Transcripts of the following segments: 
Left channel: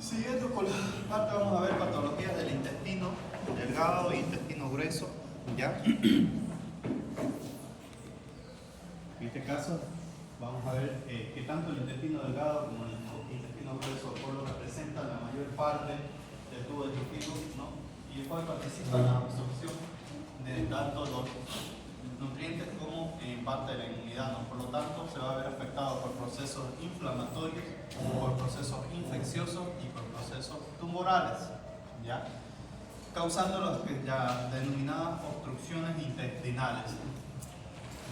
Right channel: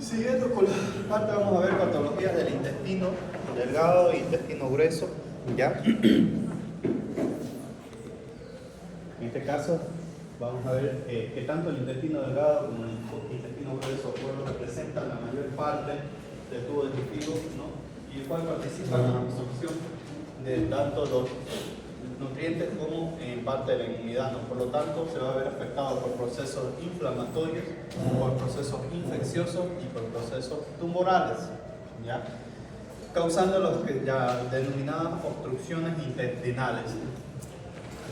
Siguiendo con la parte, vamos a ver patologías del intestino delgado e intestino grueso. ¿Ya? En este caso, vamos a ver que tanto el intestino delgado como el intestino grueso representan la mayor parte del tubo digestivo, ¿no? Y el cual participa en la absorción de tanto los nutrientes como en parte de la inmunidad, ¿no? Por lo tanto, se va a ver afectado por procesos inflamatorios, por procesos infecciosos y por procesos tumorales, ¿ya? Causando las denominadas obstrucciones intestinales,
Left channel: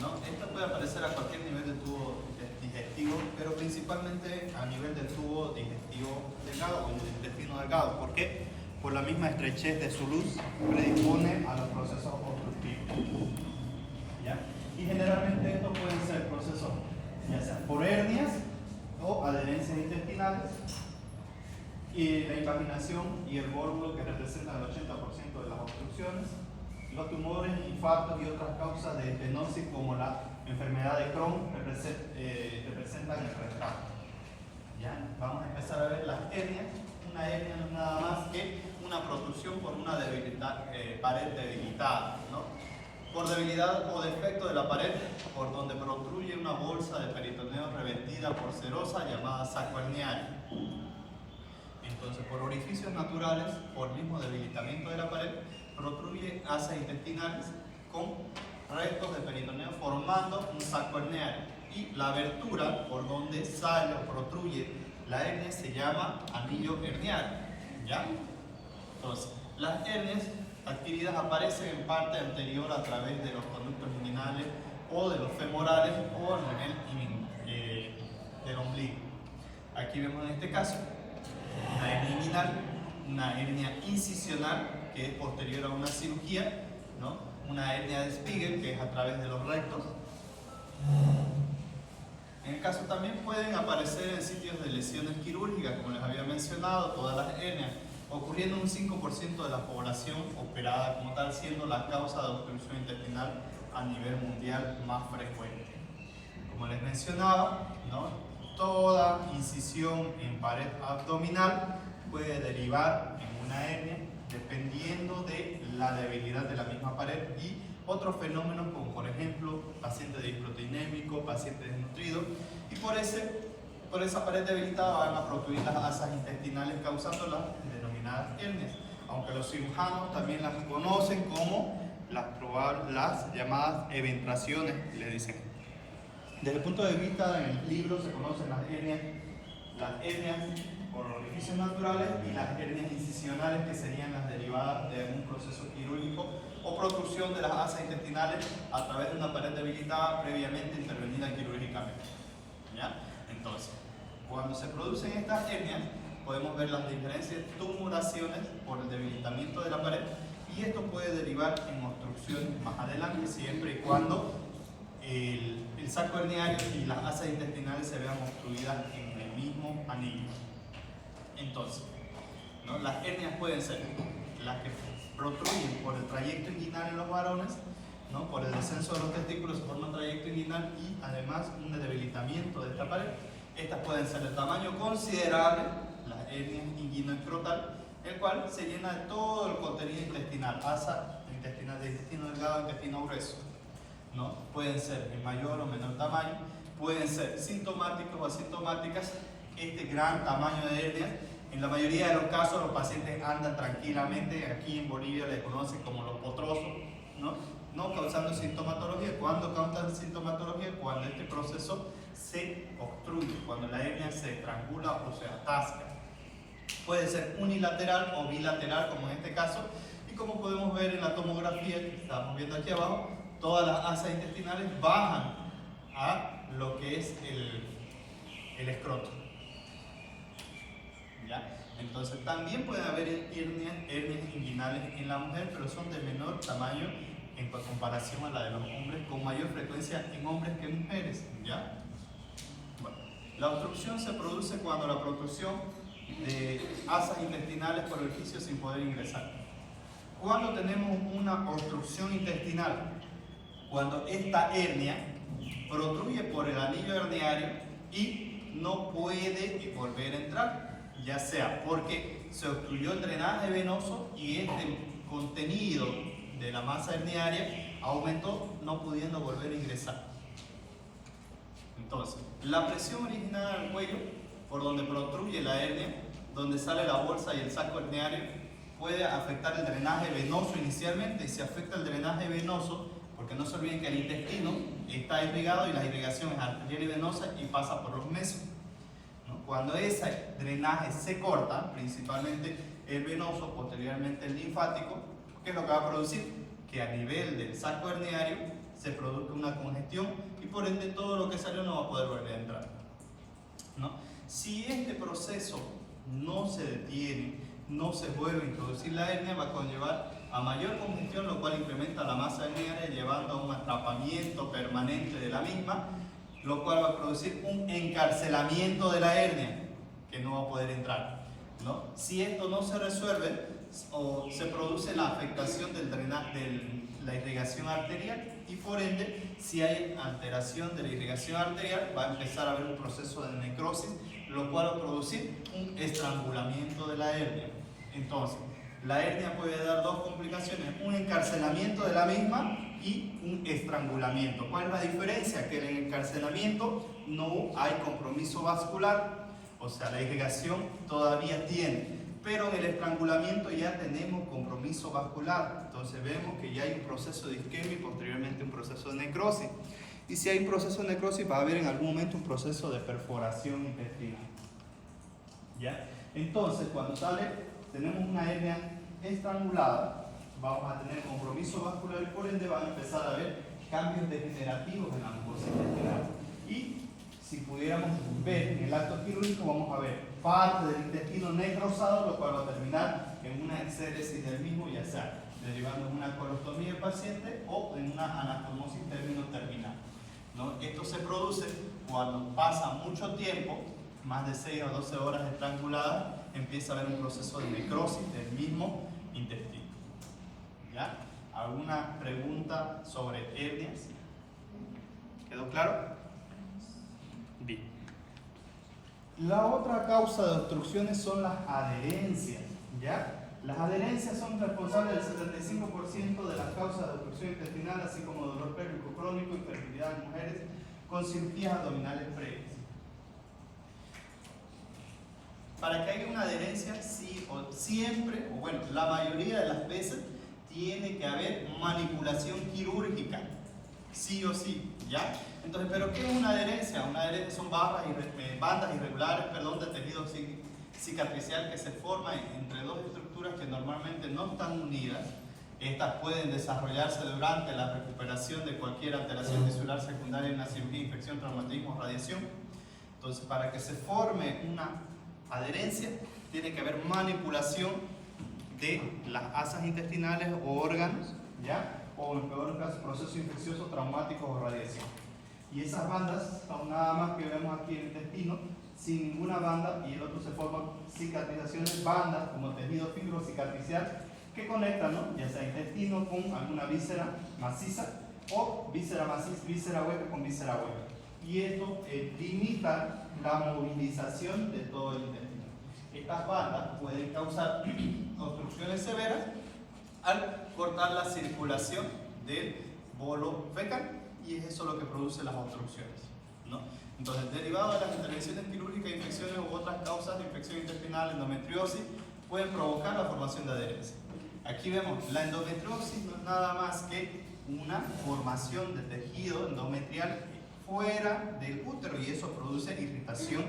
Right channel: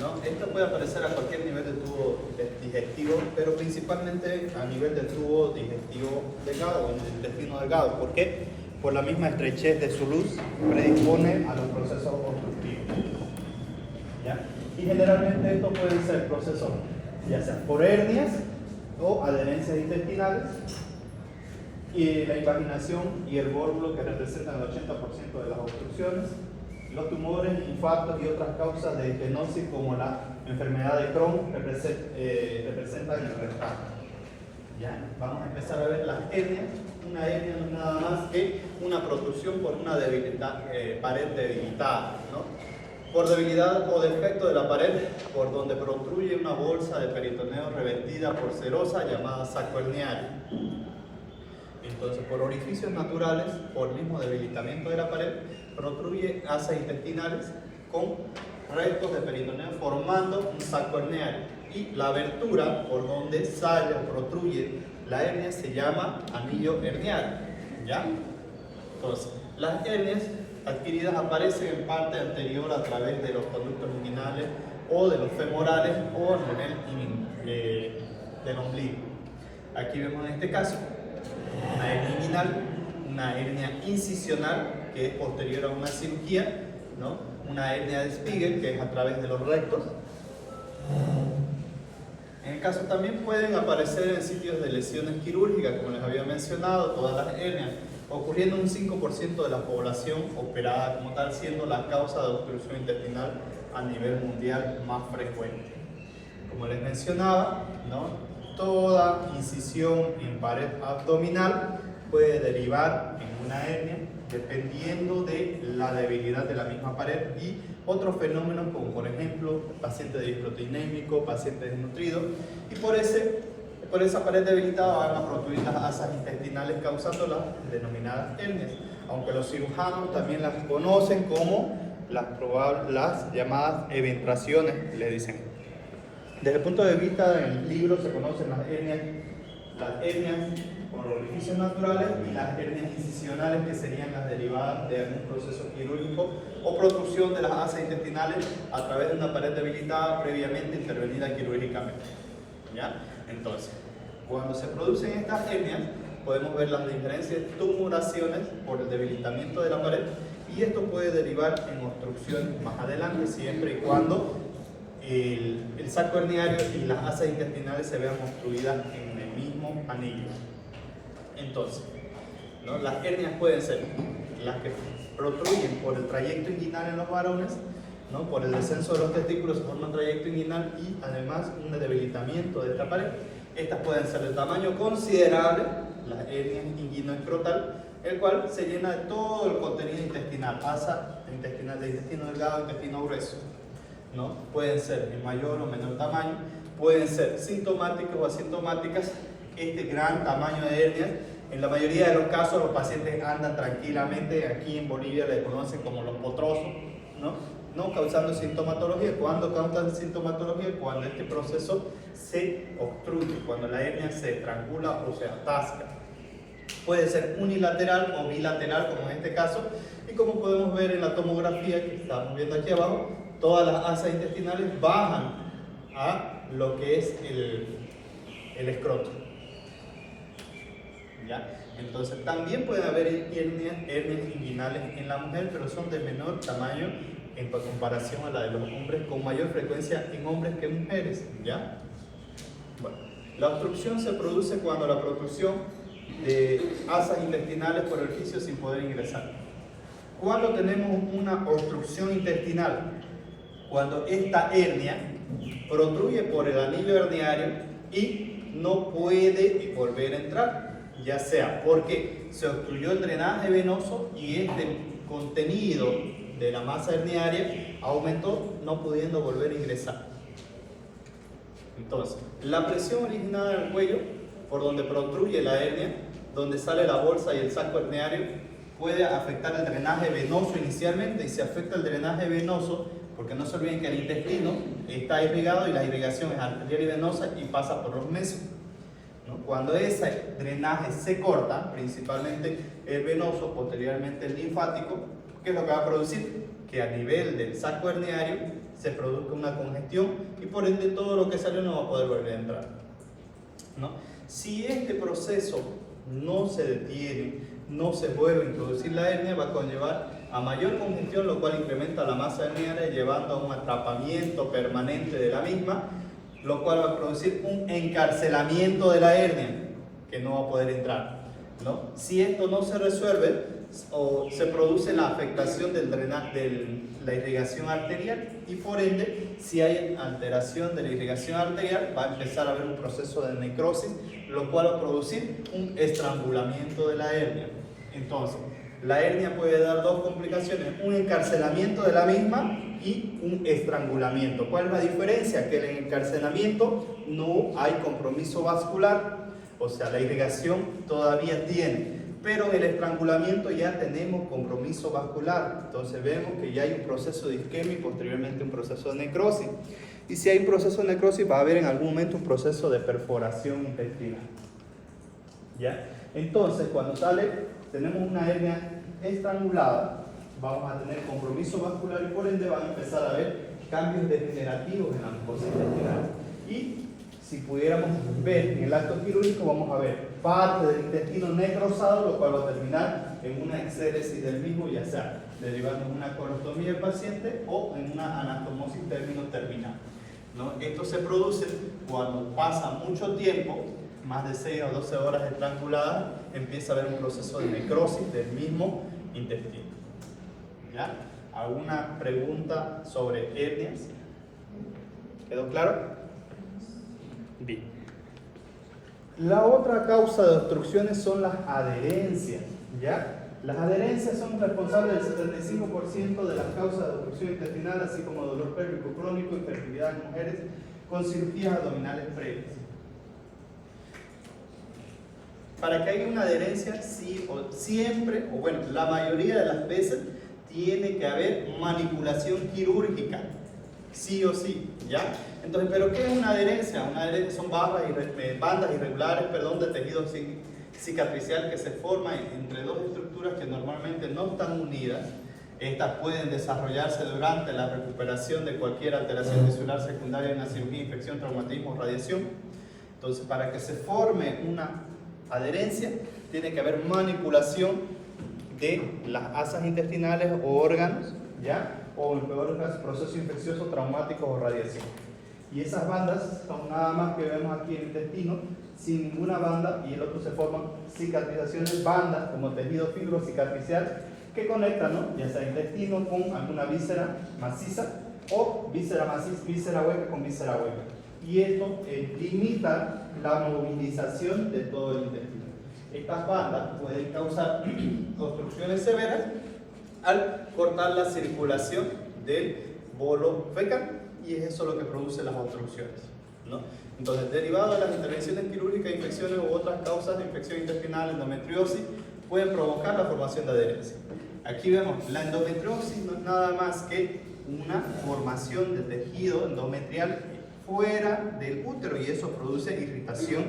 ¿no? Esto puede aparecer a cualquier nivel del tubo digestivo, pero principalmente a nivel del tubo digestivo delgado, del intestino delgado. ¿Por qué? Por la misma estrechez de su luz predispone a los procesos obstructivos, ¿ya? Y generalmente estos pueden ser procesos ya sea por hernias o adherencias intestinales, y la invaginación y el vórmulo que representan el 80% de las obstrucciones, los tumores, infartos y otras causas de estenosis como la enfermedad de Crohn representan el rectal. ¿Ya? Vamos a empezar a ver las hernias. Una hernia no es nada más que una protrusión por una pared debilitada, ¿no? Por debilidad o defecto de la pared, por donde protruye una bolsa de peritoneo revestida por serosa llamada saco herniario. Entonces, por orificios naturales, por mismo debilitamiento de la pared, protruye asas intestinales con restos de peritoneo formando un saco herniario. Y la abertura por donde sale o protruye la hernia se llama anillo herniario, ¿ya? Entonces, las hernias adquiridas aparecen en parte anterior a través de los conductos inguinales o de los femorales o a nivel del ombligo. Aquí vemos en este caso una hernia inguinal, una hernia incisional que es posterior a una cirugía, ¿no? Una hernia de Spiegel que es a través de los rectos. En el caso también pueden aparecer en sitios de lesiones quirúrgicas, como les había mencionado, todas las hernias, ocurriendo en un 5% de la población operada como tal, siendo la causa de obstrucción intestinal a nivel mundial más frecuente. Como les mencionaba, ¿no? Toda incisión en pared abdominal puede derivar en una hernia dependiendo de la debilidad de la misma pared y otros fenómenos como por ejemplo paciente disproteinémico, paciente desnutrido, y por esa pared debilitada van a protruir las asas intestinales causando las denominadas hernias, aunque los cirujanos también las conocen como las llamadas eventuaciones, le dicen. Desde el punto de vista del libro se conocen las hernias por orificios naturales y las hernias incisionales, que serían las derivadas de algún proceso quirúrgico o protrusión de las asas intestinales a través de una pared debilitada previamente intervenida quirúrgicamente, ¿ya? Entonces, cuando se producen estas hernias, podemos ver las diferentes tumoraciones por el debilitamiento de la pared, y esto puede derivar en obstrucciones más adelante, siempre y cuando el saco herniario y las asas intestinales se vean obstruidas en el mismo anillo. Entonces, ¿no? Las hernias pueden ser las que protruyen por el trayecto inguinal en los varones, ¿no? Por el descenso de los testículos se forma un trayecto inguinal y además un debilitamiento de esta pared. Estas pueden ser de tamaño considerable, la hernia inguinoescrotal, el cual se llena de todo el contenido intestinal, asa intestinal de intestino delgado, intestino grueso, ¿no? Pueden ser en mayor o menor tamaño, pueden ser sintomáticos o asintomáticas. Este gran tamaño de hernias, en la mayoría de los casos los pacientes andan tranquilamente, aquí en Bolivia le conocen como los potrosos, no causando sintomatología. ¿Cuándo causan sintomatología? Cuando este proceso se obstruye, cuando la hernia se estrangula o se atasca. Puede ser unilateral o bilateral, como en este caso, y como podemos ver en la tomografía que estamos viendo aquí abajo, todas las asas intestinales bajan a lo que es el escroto, ¿ya? Entonces también puede haber hernias inguinales en la mujer, pero son de menor tamaño en comparación a la de los hombres, con mayor frecuencia en hombres que en mujeres, ¿ya? Bueno, la obstrucción se produce cuando la protrusión de asas intestinales por el orificio sin poder ingresar. Cuando tenemos una obstrucción intestinal, cuando esta hernia protruye por el anillo herniario y no puede volver a entrar. ya sea porque se obstruyó el drenaje venoso y este contenido de la masa herniaria aumentó, no pudiendo volver a ingresar. Entonces, la presión originada en el cuello, por donde protruye la hernia, donde sale la bolsa y el saco herniario, puede afectar el drenaje venoso inicialmente, y si afecta el drenaje venoso, porque no se olviden que el intestino está irrigado y la irrigación es arterial y venosa y pasa por los mesos. Cuando ese drenaje se corta, principalmente el venoso, posteriormente el linfático, ¿qué es lo que va a producir? Que a nivel del saco herniario se produzca una congestión y por ende todo lo que sale no va a poder volver a entrar, ¿no? Si este proceso no se detiene, no se vuelve a introducir la hernia, va a conllevar a mayor congestión, lo cual incrementa la masa herniaria, llevando a un atrapamiento permanente de la misma, lo cual va a producir un encarcelamiento de la hernia, que no va a poder entrar, ¿no? Si esto no se resuelve, o se produce la afectación del drenaje, de la irrigación arterial, y por ende, si hay alteración de la irrigación arterial, va a empezar a haber un proceso de necrosis, lo cual va a producir un estrangulamiento de la hernia. Entonces, la hernia puede dar dos complicaciones: un encarcelamiento de la misma y un estrangulamiento. ¿Cuál es la diferencia? Que en el encarcelamiento no hay compromiso vascular, o sea, la irrigación todavía tiene, pero en el estrangulamiento ya tenemos compromiso vascular. Entonces vemos que ya hay un proceso de isquemia y posteriormente un proceso de necrosis. Y si hay un proceso de necrosis, va a haber en algún momento un proceso de perforación intestinal, ¿ya? Entonces, cuando tenemos una hernia estrangulada, vamos a tener compromiso vascular y por ende van a empezar a haber cambios degenerativos en la mucosa intestinal. Y si pudiéramos ver en el acto quirúrgico, vamos a ver parte del intestino necrosado, lo cual va a terminar en una exéresis del mismo, ya sea derivando en una colostomía del paciente o en una anastomosis término-terminal, ¿no? Esto se produce cuando pasa mucho tiempo, más de 6 o 12 horas estrangulada, empieza a haber un proceso de necrosis del mismo intestino, ¿ya? ¿Alguna pregunta sobre hernias? ¿Quedó claro? Bien. La otra causa de obstrucciones son las adherencias, ¿ya? Las adherencias son responsables del 75% de las causas de obstrucción intestinal, así como dolor pélvico crónico, infertilidad en mujeres con cirugías abdominales previas. Para que haya una adherencia, siempre, o bueno, la mayoría de las veces, tiene que haber manipulación quirúrgica, sí o sí, ¿ya? Entonces, ¿pero qué es una adherencia? Una adherencia son bandas irregulares, de tejido cicatricial que se forman entre dos estructuras que normalmente no están unidas. Estas pueden desarrollarse durante la recuperación de cualquier alteración tisular secundaria en la cirugía, infección, traumatismo o radiación. Entonces, para que se forme una adherencia, tiene que haber manipulación de las asas intestinales o órganos, ¿ya? O en peor caso, procesos infecciosos, traumáticos o radiación. Y esas bandas son nada más que vemos aquí en el intestino, sin ninguna banda, y el otro se forman cicatrizaciones, bandas como tejido fibrocicatricial que conectan, ¿no?, ya sea intestino con alguna víscera maciza o víscera maciza, víscera hueca con víscera hueca. Y esto limita la movilización de todo el intestino. Estas bandas pueden causar obstrucciones severas al cortar la circulación del bolo fecal, y es eso lo que produce las obstrucciones, ¿no? Entonces, derivado de las intervenciones quirúrgicas, infecciones u otras causas de infección intestinal, endometriosis, pueden provocar la formación de adherencia. Aquí vemos, la endometriosis no es nada más que una formación de tejido endometrial fuera del útero, y eso produce irritación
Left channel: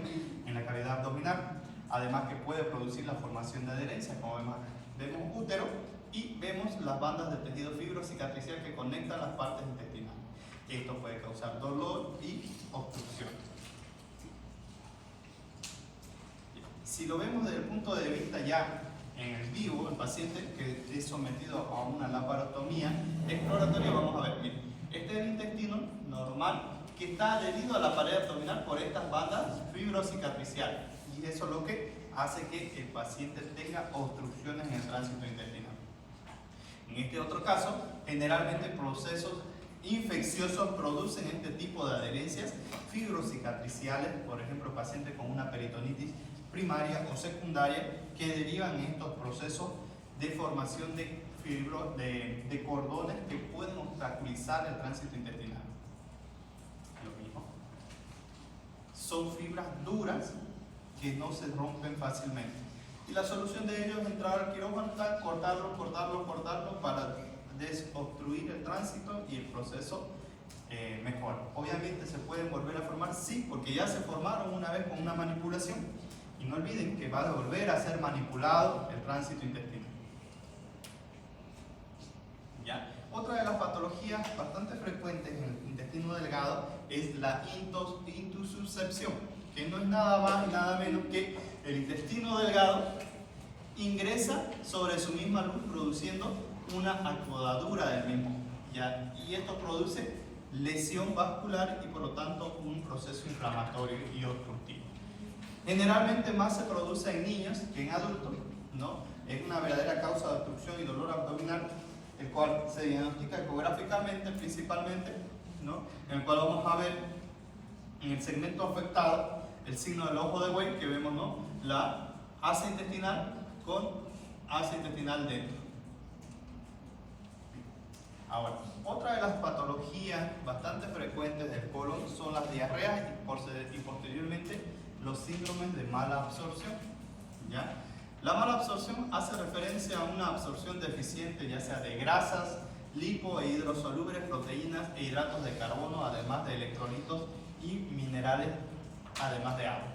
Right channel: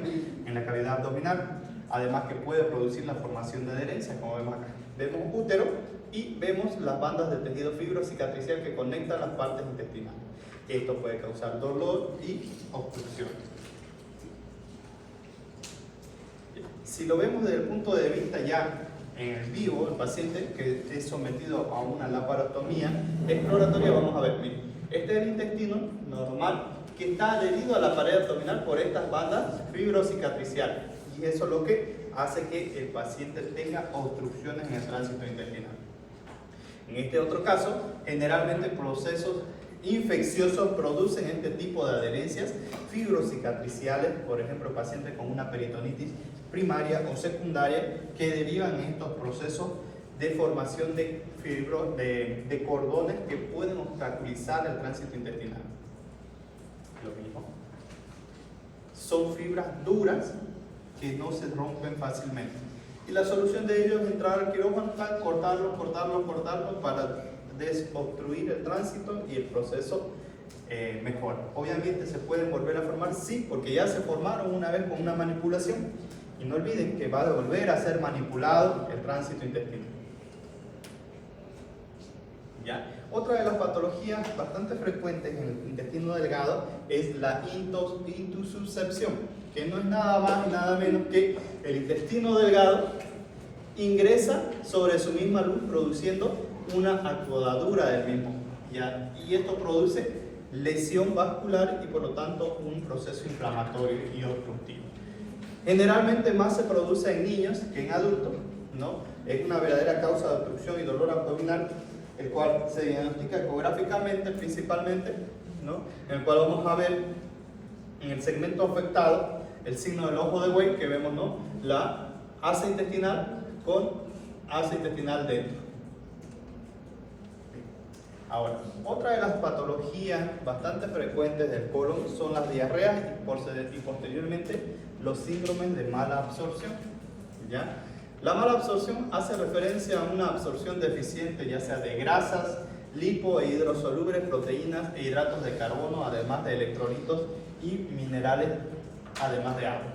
en la cavidad abdominal. Además que puede producir la formación de adherencia, como vemos acá. Vemos útero y vemos las bandas de tejido fibrocicatricial que conectan las partes intestinales. Esto puede causar dolor y obstrucción. Si lo vemos desde el punto de vista ya en vivo, el paciente que es sometido a una laparostomía exploratoria, vamos a ver, miren, este es el intestino normal que está adherido a la pared abdominal por estas bandas fibrocicatriciales, y eso es lo que hace que el paciente tenga obstrucciones en el tránsito intestinal. En este otro caso, generalmente procesos infecciosos producen este tipo de adherencias fibrocicatriciales, por ejemplo, pacientes con una peritonitis primaria o secundaria que derivan en estos procesos de formación de de cordones que pueden obstaculizar el tránsito intestinal. Lo mismo. Son fibras duras que no se rompen fácilmente. Y la solución de ello es entrar al quirófano, cortarlo para desobstruir el tránsito y el proceso mejor. Obviamente se pueden volver a formar, sí, porque ya se formaron una vez con una manipulación. Y no olviden que va a volver a ser manipulado el tránsito intestinal. ¿Ya? Otra de las patologías bastante frecuentes en el intestino delgado es la intussuscepción, que no es nada más y nada menos que el intestino delgado ingresa sobre su misma luz produciendo una acodadura del mismo, ¿ya? Y esto produce lesión vascular y por lo tanto un proceso inflamatorio y obstructivo. Generalmente más se produce en niños que en adultos, ¿no? Es una verdadera causa de obstrucción y dolor abdominal, el cual se diagnostica ecográficamente principalmente, ¿no? En el cual vamos a ver en el segmento afectado el signo del ojo de buey que vemos, ¿no? La asa intestinal con asa intestinal dentro. Ahora, otra de las patologías bastante frecuentes del colon son las diarreas y posteriormente los síndromes de mala absorción, ¿ya? La mala absorción hace referencia a una absorción deficiente ya sea de grasas, lipo e hidrosolubles, proteínas e hidratos de carbono, además de electrolitos y minerales, además de agua.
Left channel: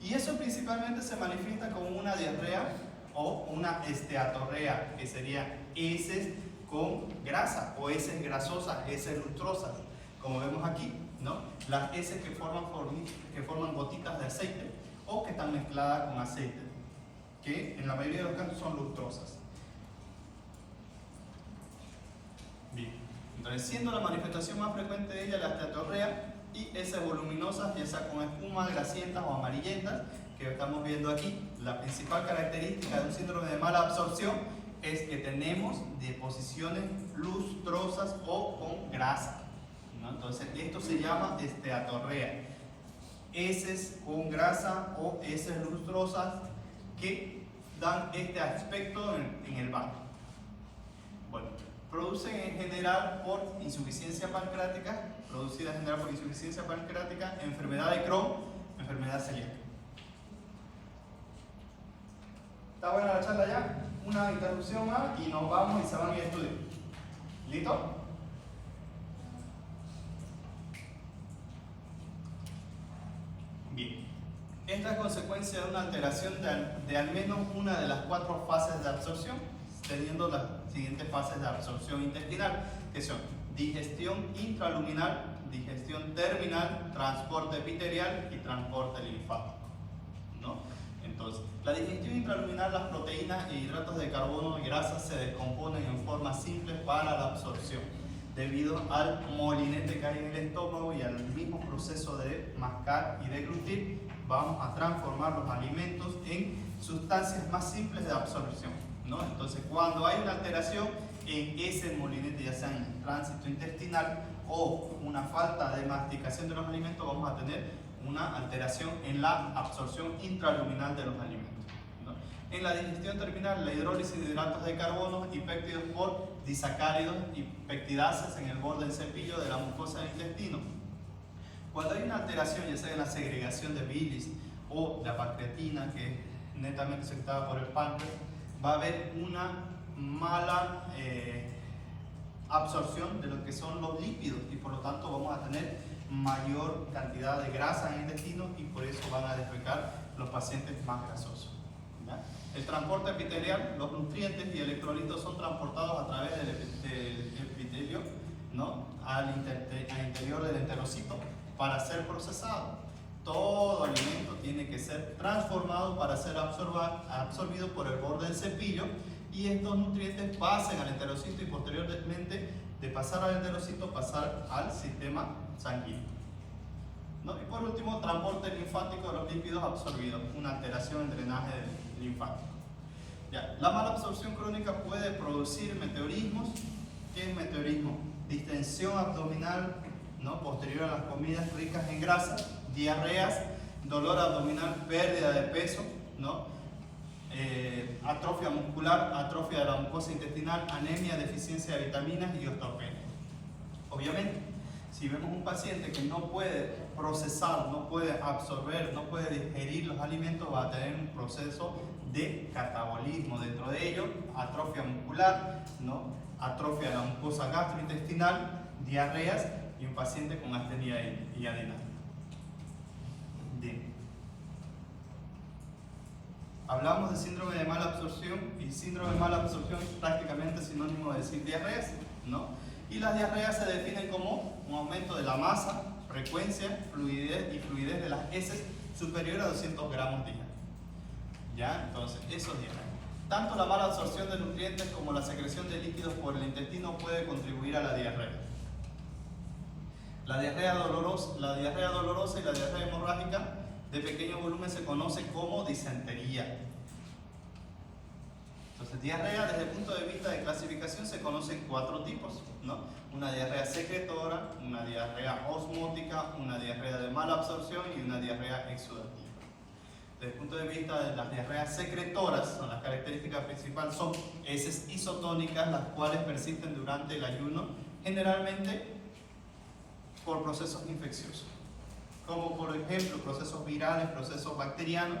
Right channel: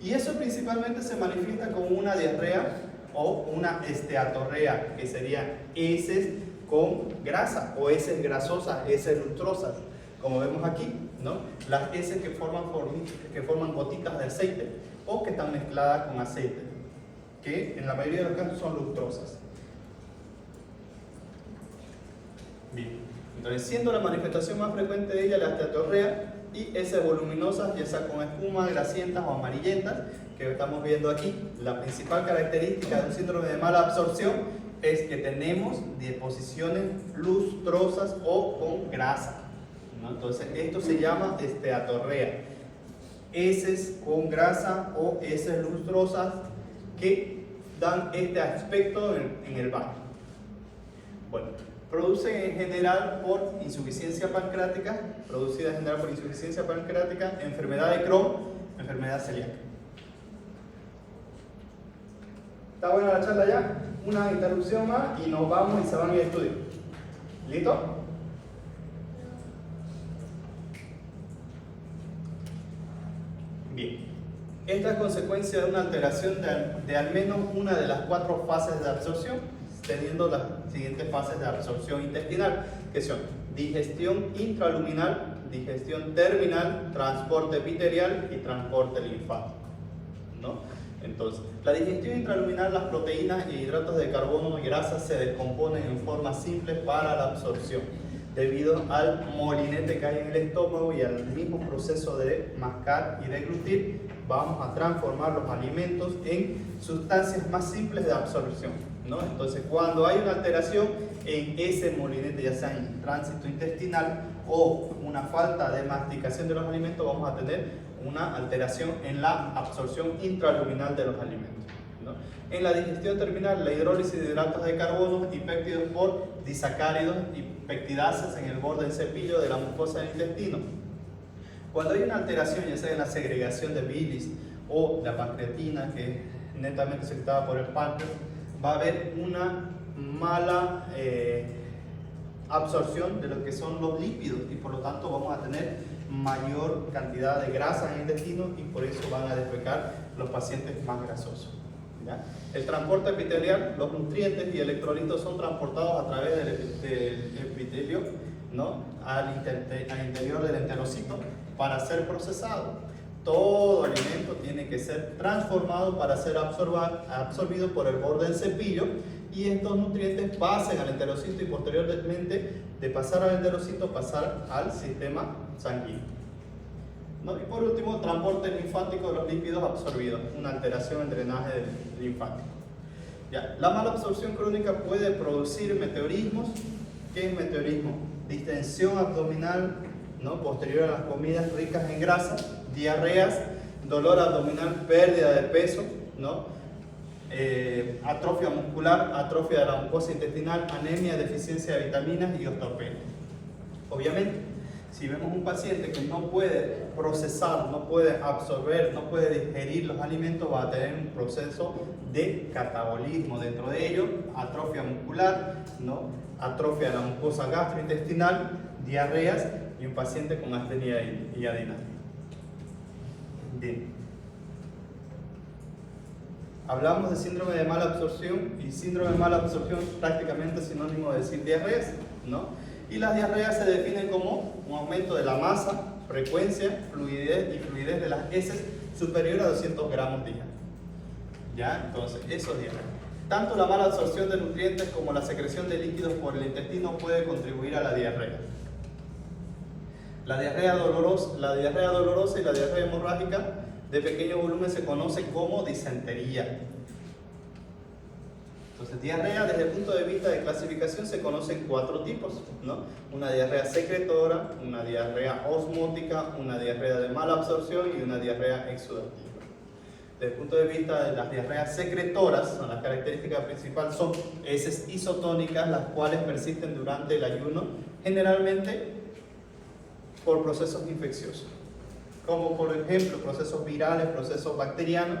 Y eso principalmente se manifiesta como una diarrea o una esteatorrea, que serían heces con grasa o heces grasosas, heces lustrosas, como vemos aquí, ¿no? Las heces que forman gotitas de aceite o que están mezcladas con aceite, que en la mayoría de los casos son lustrosas. Bien, entonces siendo la manifestación más frecuente de ella la esteatorrea y heces voluminosas, ya sea con espuma, grasientas o amarillentas, que estamos viendo aquí. La principal característica de un síndrome de mala absorción es que tenemos deposiciones lustrosas o con grasa, ¿no? Entonces esto se llama esteatorrea, heces con grasa o heces lustrosas que dan este aspecto en el baño. Bueno, produce en general por insuficiencia pancreática, enfermedad de Crohn, enfermedad celíaca. ¿Está buena la charla ya? Una interrupción más y nos vamos y se van a ir a estudio. ¿Listo? Bien. Esta es consecuencia de una alteración de al menos una de las 4 fases de absorción, teniendo las siguientes fases de absorción intestinal, que son digestión intraluminal, digestión terminal, transporte epitelial y transporte linfático, ¿no? Entonces, la digestión intraluminal, las proteínas y hidratos de carbono y grasas se descomponen en forma simple para la absorción, debido al molinete que hay en el estómago y al mismo proceso de mascar y deglutir. Vamos a transformar los alimentos en sustancias más simples de absorción, ¿no? Entonces, cuando hay una alteración en ese molinete, ya sea en el tránsito intestinal o una falta de masticación de los alimentos, vamos a tener una alteración en la absorción intraluminal de los alimentos, ¿no? En la digestión terminal, la hidrólisis de hidratos de carbono y péptidos por disacáridos y peptidases en el borde del cepillo de la mucosa del intestino. Cuando hay una alteración, ya sea en la segregación de bilis o la pancreatina, que es netamente secretada por el páncreas, va a haber una mala absorción de lo que son los lípidos y por lo tanto vamos a tener mayor cantidad de grasa en el intestino y por eso van a defecar los pacientes más grasosos, ¿ya? El transporte epitelial, los nutrientes y electrolitos son transportados a través del epitelio, ¿no? al interior del enterocito para ser procesado. Todo alimento tiene que ser transformado para ser absorbido por el borde del cepillo y estos nutrientes pasan al enterocito y posteriormente de pasar al enterocito pasar al sistema sanguíneo, ¿no? Y por último, transporte linfático de los lípidos absorbidos, una alteración en drenaje linfático. Ya. La mala absorción crónica puede producir meteorismos. ¿Qué es meteorismo? Distensión abdominal, ¿no? Posterior a las comidas ricas en grasa, diarreas, dolor abdominal, pérdida de peso, ¿no? Atrofia muscular, atrofia de la mucosa intestinal, anemia, deficiencia de vitaminas y osteopenia. Obviamente, si vemos un paciente que no puede procesar, no puede absorber, no puede digerir los alimentos, va a tener un proceso de catabolismo. Dentro de ello, atrofia muscular, ¿no? Atrofia de la mucosa gastrointestinal, diarreas y un paciente con astenia y adenosis. Bien. Hablamos de síndrome de mala absorción y síndrome de mala absorción es prácticamente sinónimo de decir diarreas, ¿no? Y las diarreas se definen como un aumento de la masa, frecuencia, fluidez de las heces superior a 200 gramos día. ¿Ya? Entonces, eso es diarrea. Tanto la mala absorción de nutrientes como la secreción de líquidos por el intestino puede contribuir a la diarrea. La diarrea dolorosa y la diarrea hemorrágica de pequeño volumen se conoce como disentería. Entonces, diarrea desde el punto de vista de clasificación se conocen 4 tipos, ¿no? Una diarrea secretora, una diarrea osmótica, una diarrea de mala absorción y una diarrea exudativa. Desde el punto de vista de las diarreas secretoras, las características principales son heces isotónicas, las cuales persisten durante el ayuno, generalmente por procesos infecciosos, como por ejemplo procesos virales, procesos bacterianos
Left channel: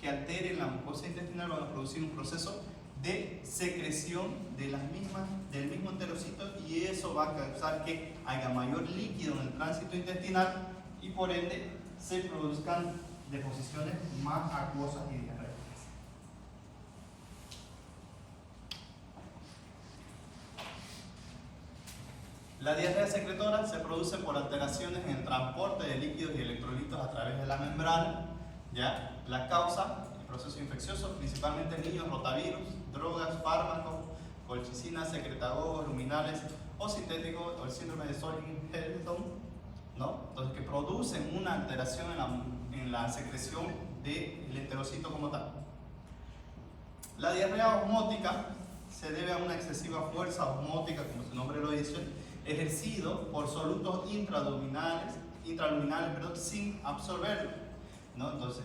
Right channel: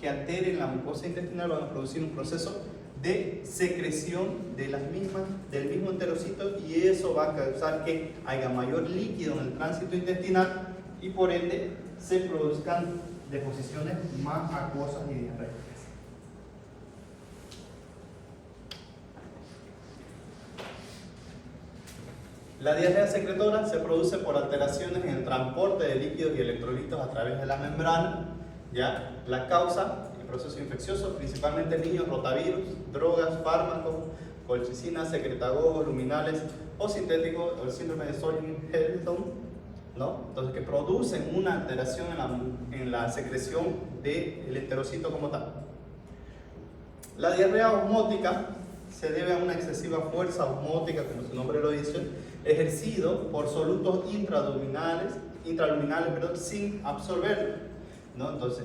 que alteren la mucosa intestinal, van a producir un proceso de secreción de las mismas, del mismo enterocito, y eso va a causar que haya mayor líquido en el tránsito intestinal y por ende se produzcan deposiciones más acuosas y diarreicas. La diarrea secretora se produce por alteraciones en el transporte de líquidos y electrolitos a través de la membrana, ¿ya? La causa, el proceso infeccioso, principalmente en niños, rotavirus, drogas, fármacos, colchicina, secretagogos, luminales o sintéticos, o el síndrome de Sjögren-Helton, ¿no? Entonces, que producen una alteración en la secreción del enterocito como tal. La diarrea osmótica se debe a una excesiva fuerza osmótica, como su nombre lo dice, ejercido por solutos intraluminales, sin absorberlo, ¿no? Entonces,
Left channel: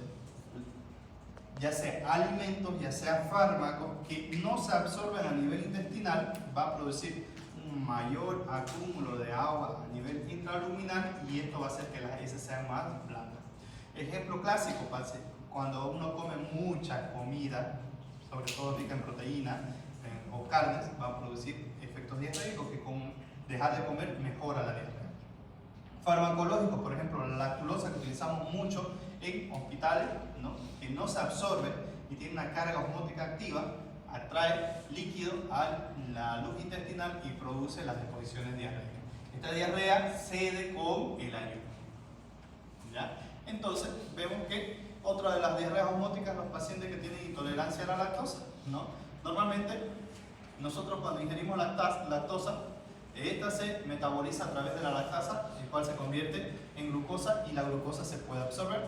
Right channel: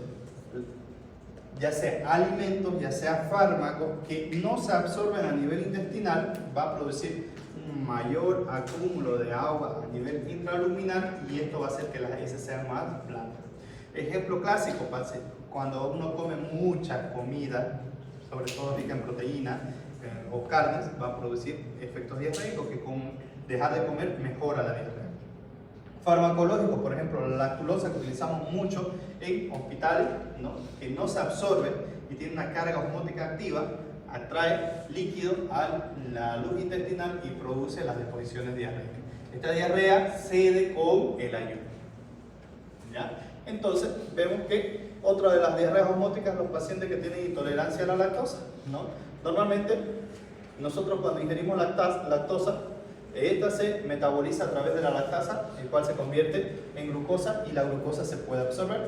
ya sea alimentos, ya sea fármacos que no se absorben a nivel intestinal, va a producir un mayor acúmulo de agua a nivel intraluminal y esto va a hacer que las heces sean más blancas. Ejemplo clásico, cuando uno come mucha comida, sobre todo rica en proteína o carnes, va a producir efectos diarreicos que con dejar de comer mejora la diarrea. Farmacológicos, por ejemplo, la lactulosa que utilizamos mucho en hospitales, ¿no? Que no se absorbe y tiene una carga osmótica activa, atrae líquido a la luz intestinal y produce las deposiciones diarreicas. Esta diarrea cede con el ayuno, ¿ya? Entonces vemos que otra de las diarreas osmóticas los pacientes que tienen intolerancia a la lactosa, ¿no? Normalmente nosotros cuando ingerimos lactosa, esta se metaboliza a través de la lactasa, el cual se convierte en glucosa y la glucosa se puede absorber.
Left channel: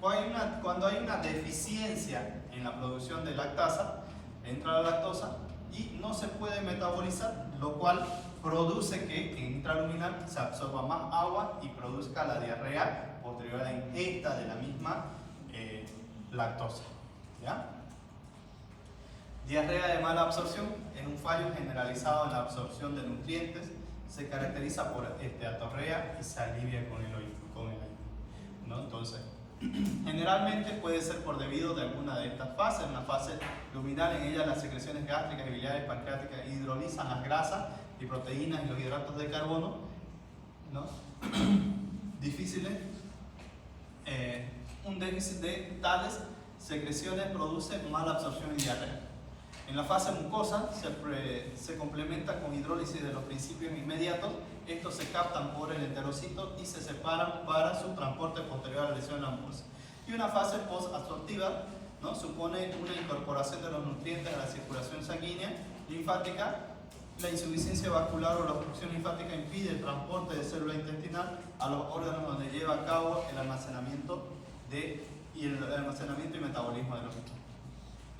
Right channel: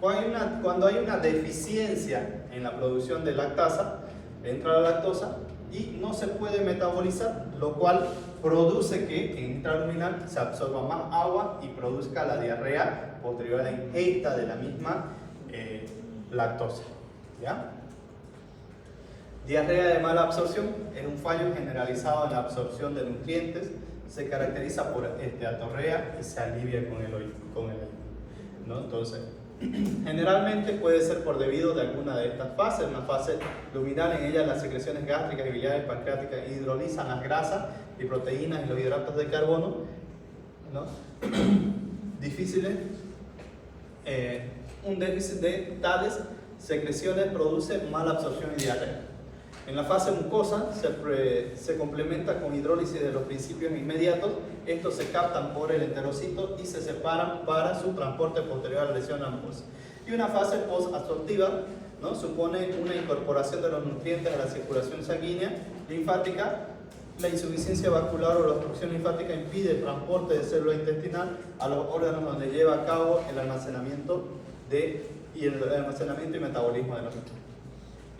Cuando hay una deficiencia en la producción de lactasa, entra la lactosa y no se puede metabolizar, lo cual produce que en intraluminal se absorba más agua y produzca la diarrea posterior a la ingesta de la misma lactosa, ¿ya? Diarrea de mala absorción es un fallo generalizado en la absorción de nutrientes, se caracteriza por esteatorrea y se alivia con el ayuno, ¿no? Entonces, generalmente puede ser por debido de alguna de estas fases. Una fase luminal, en ella las secreciones gástricas y biliares pancreáticas hidrolizan las grasas y proteínas y los hidratos de carbono, ¿no? Difíciles, un déficit de tales secreciones produce mala absorción y diarrea. En la fase mucosa se complementa con hidrólisis de los principios inmediatos. Estos se captan por el enterocito y se separan para su transporte posterior a la lesión de la mucosa. Y una fase post-absortiva, ¿no? Supone una incorporación de los nutrientes a la circulación sanguínea linfática. La insuficiencia vascular o la obstrucción linfática impide el transporte de célula intestinal a los órganos donde lleva a cabo el almacenamiento y metabolismo de los nutrientes.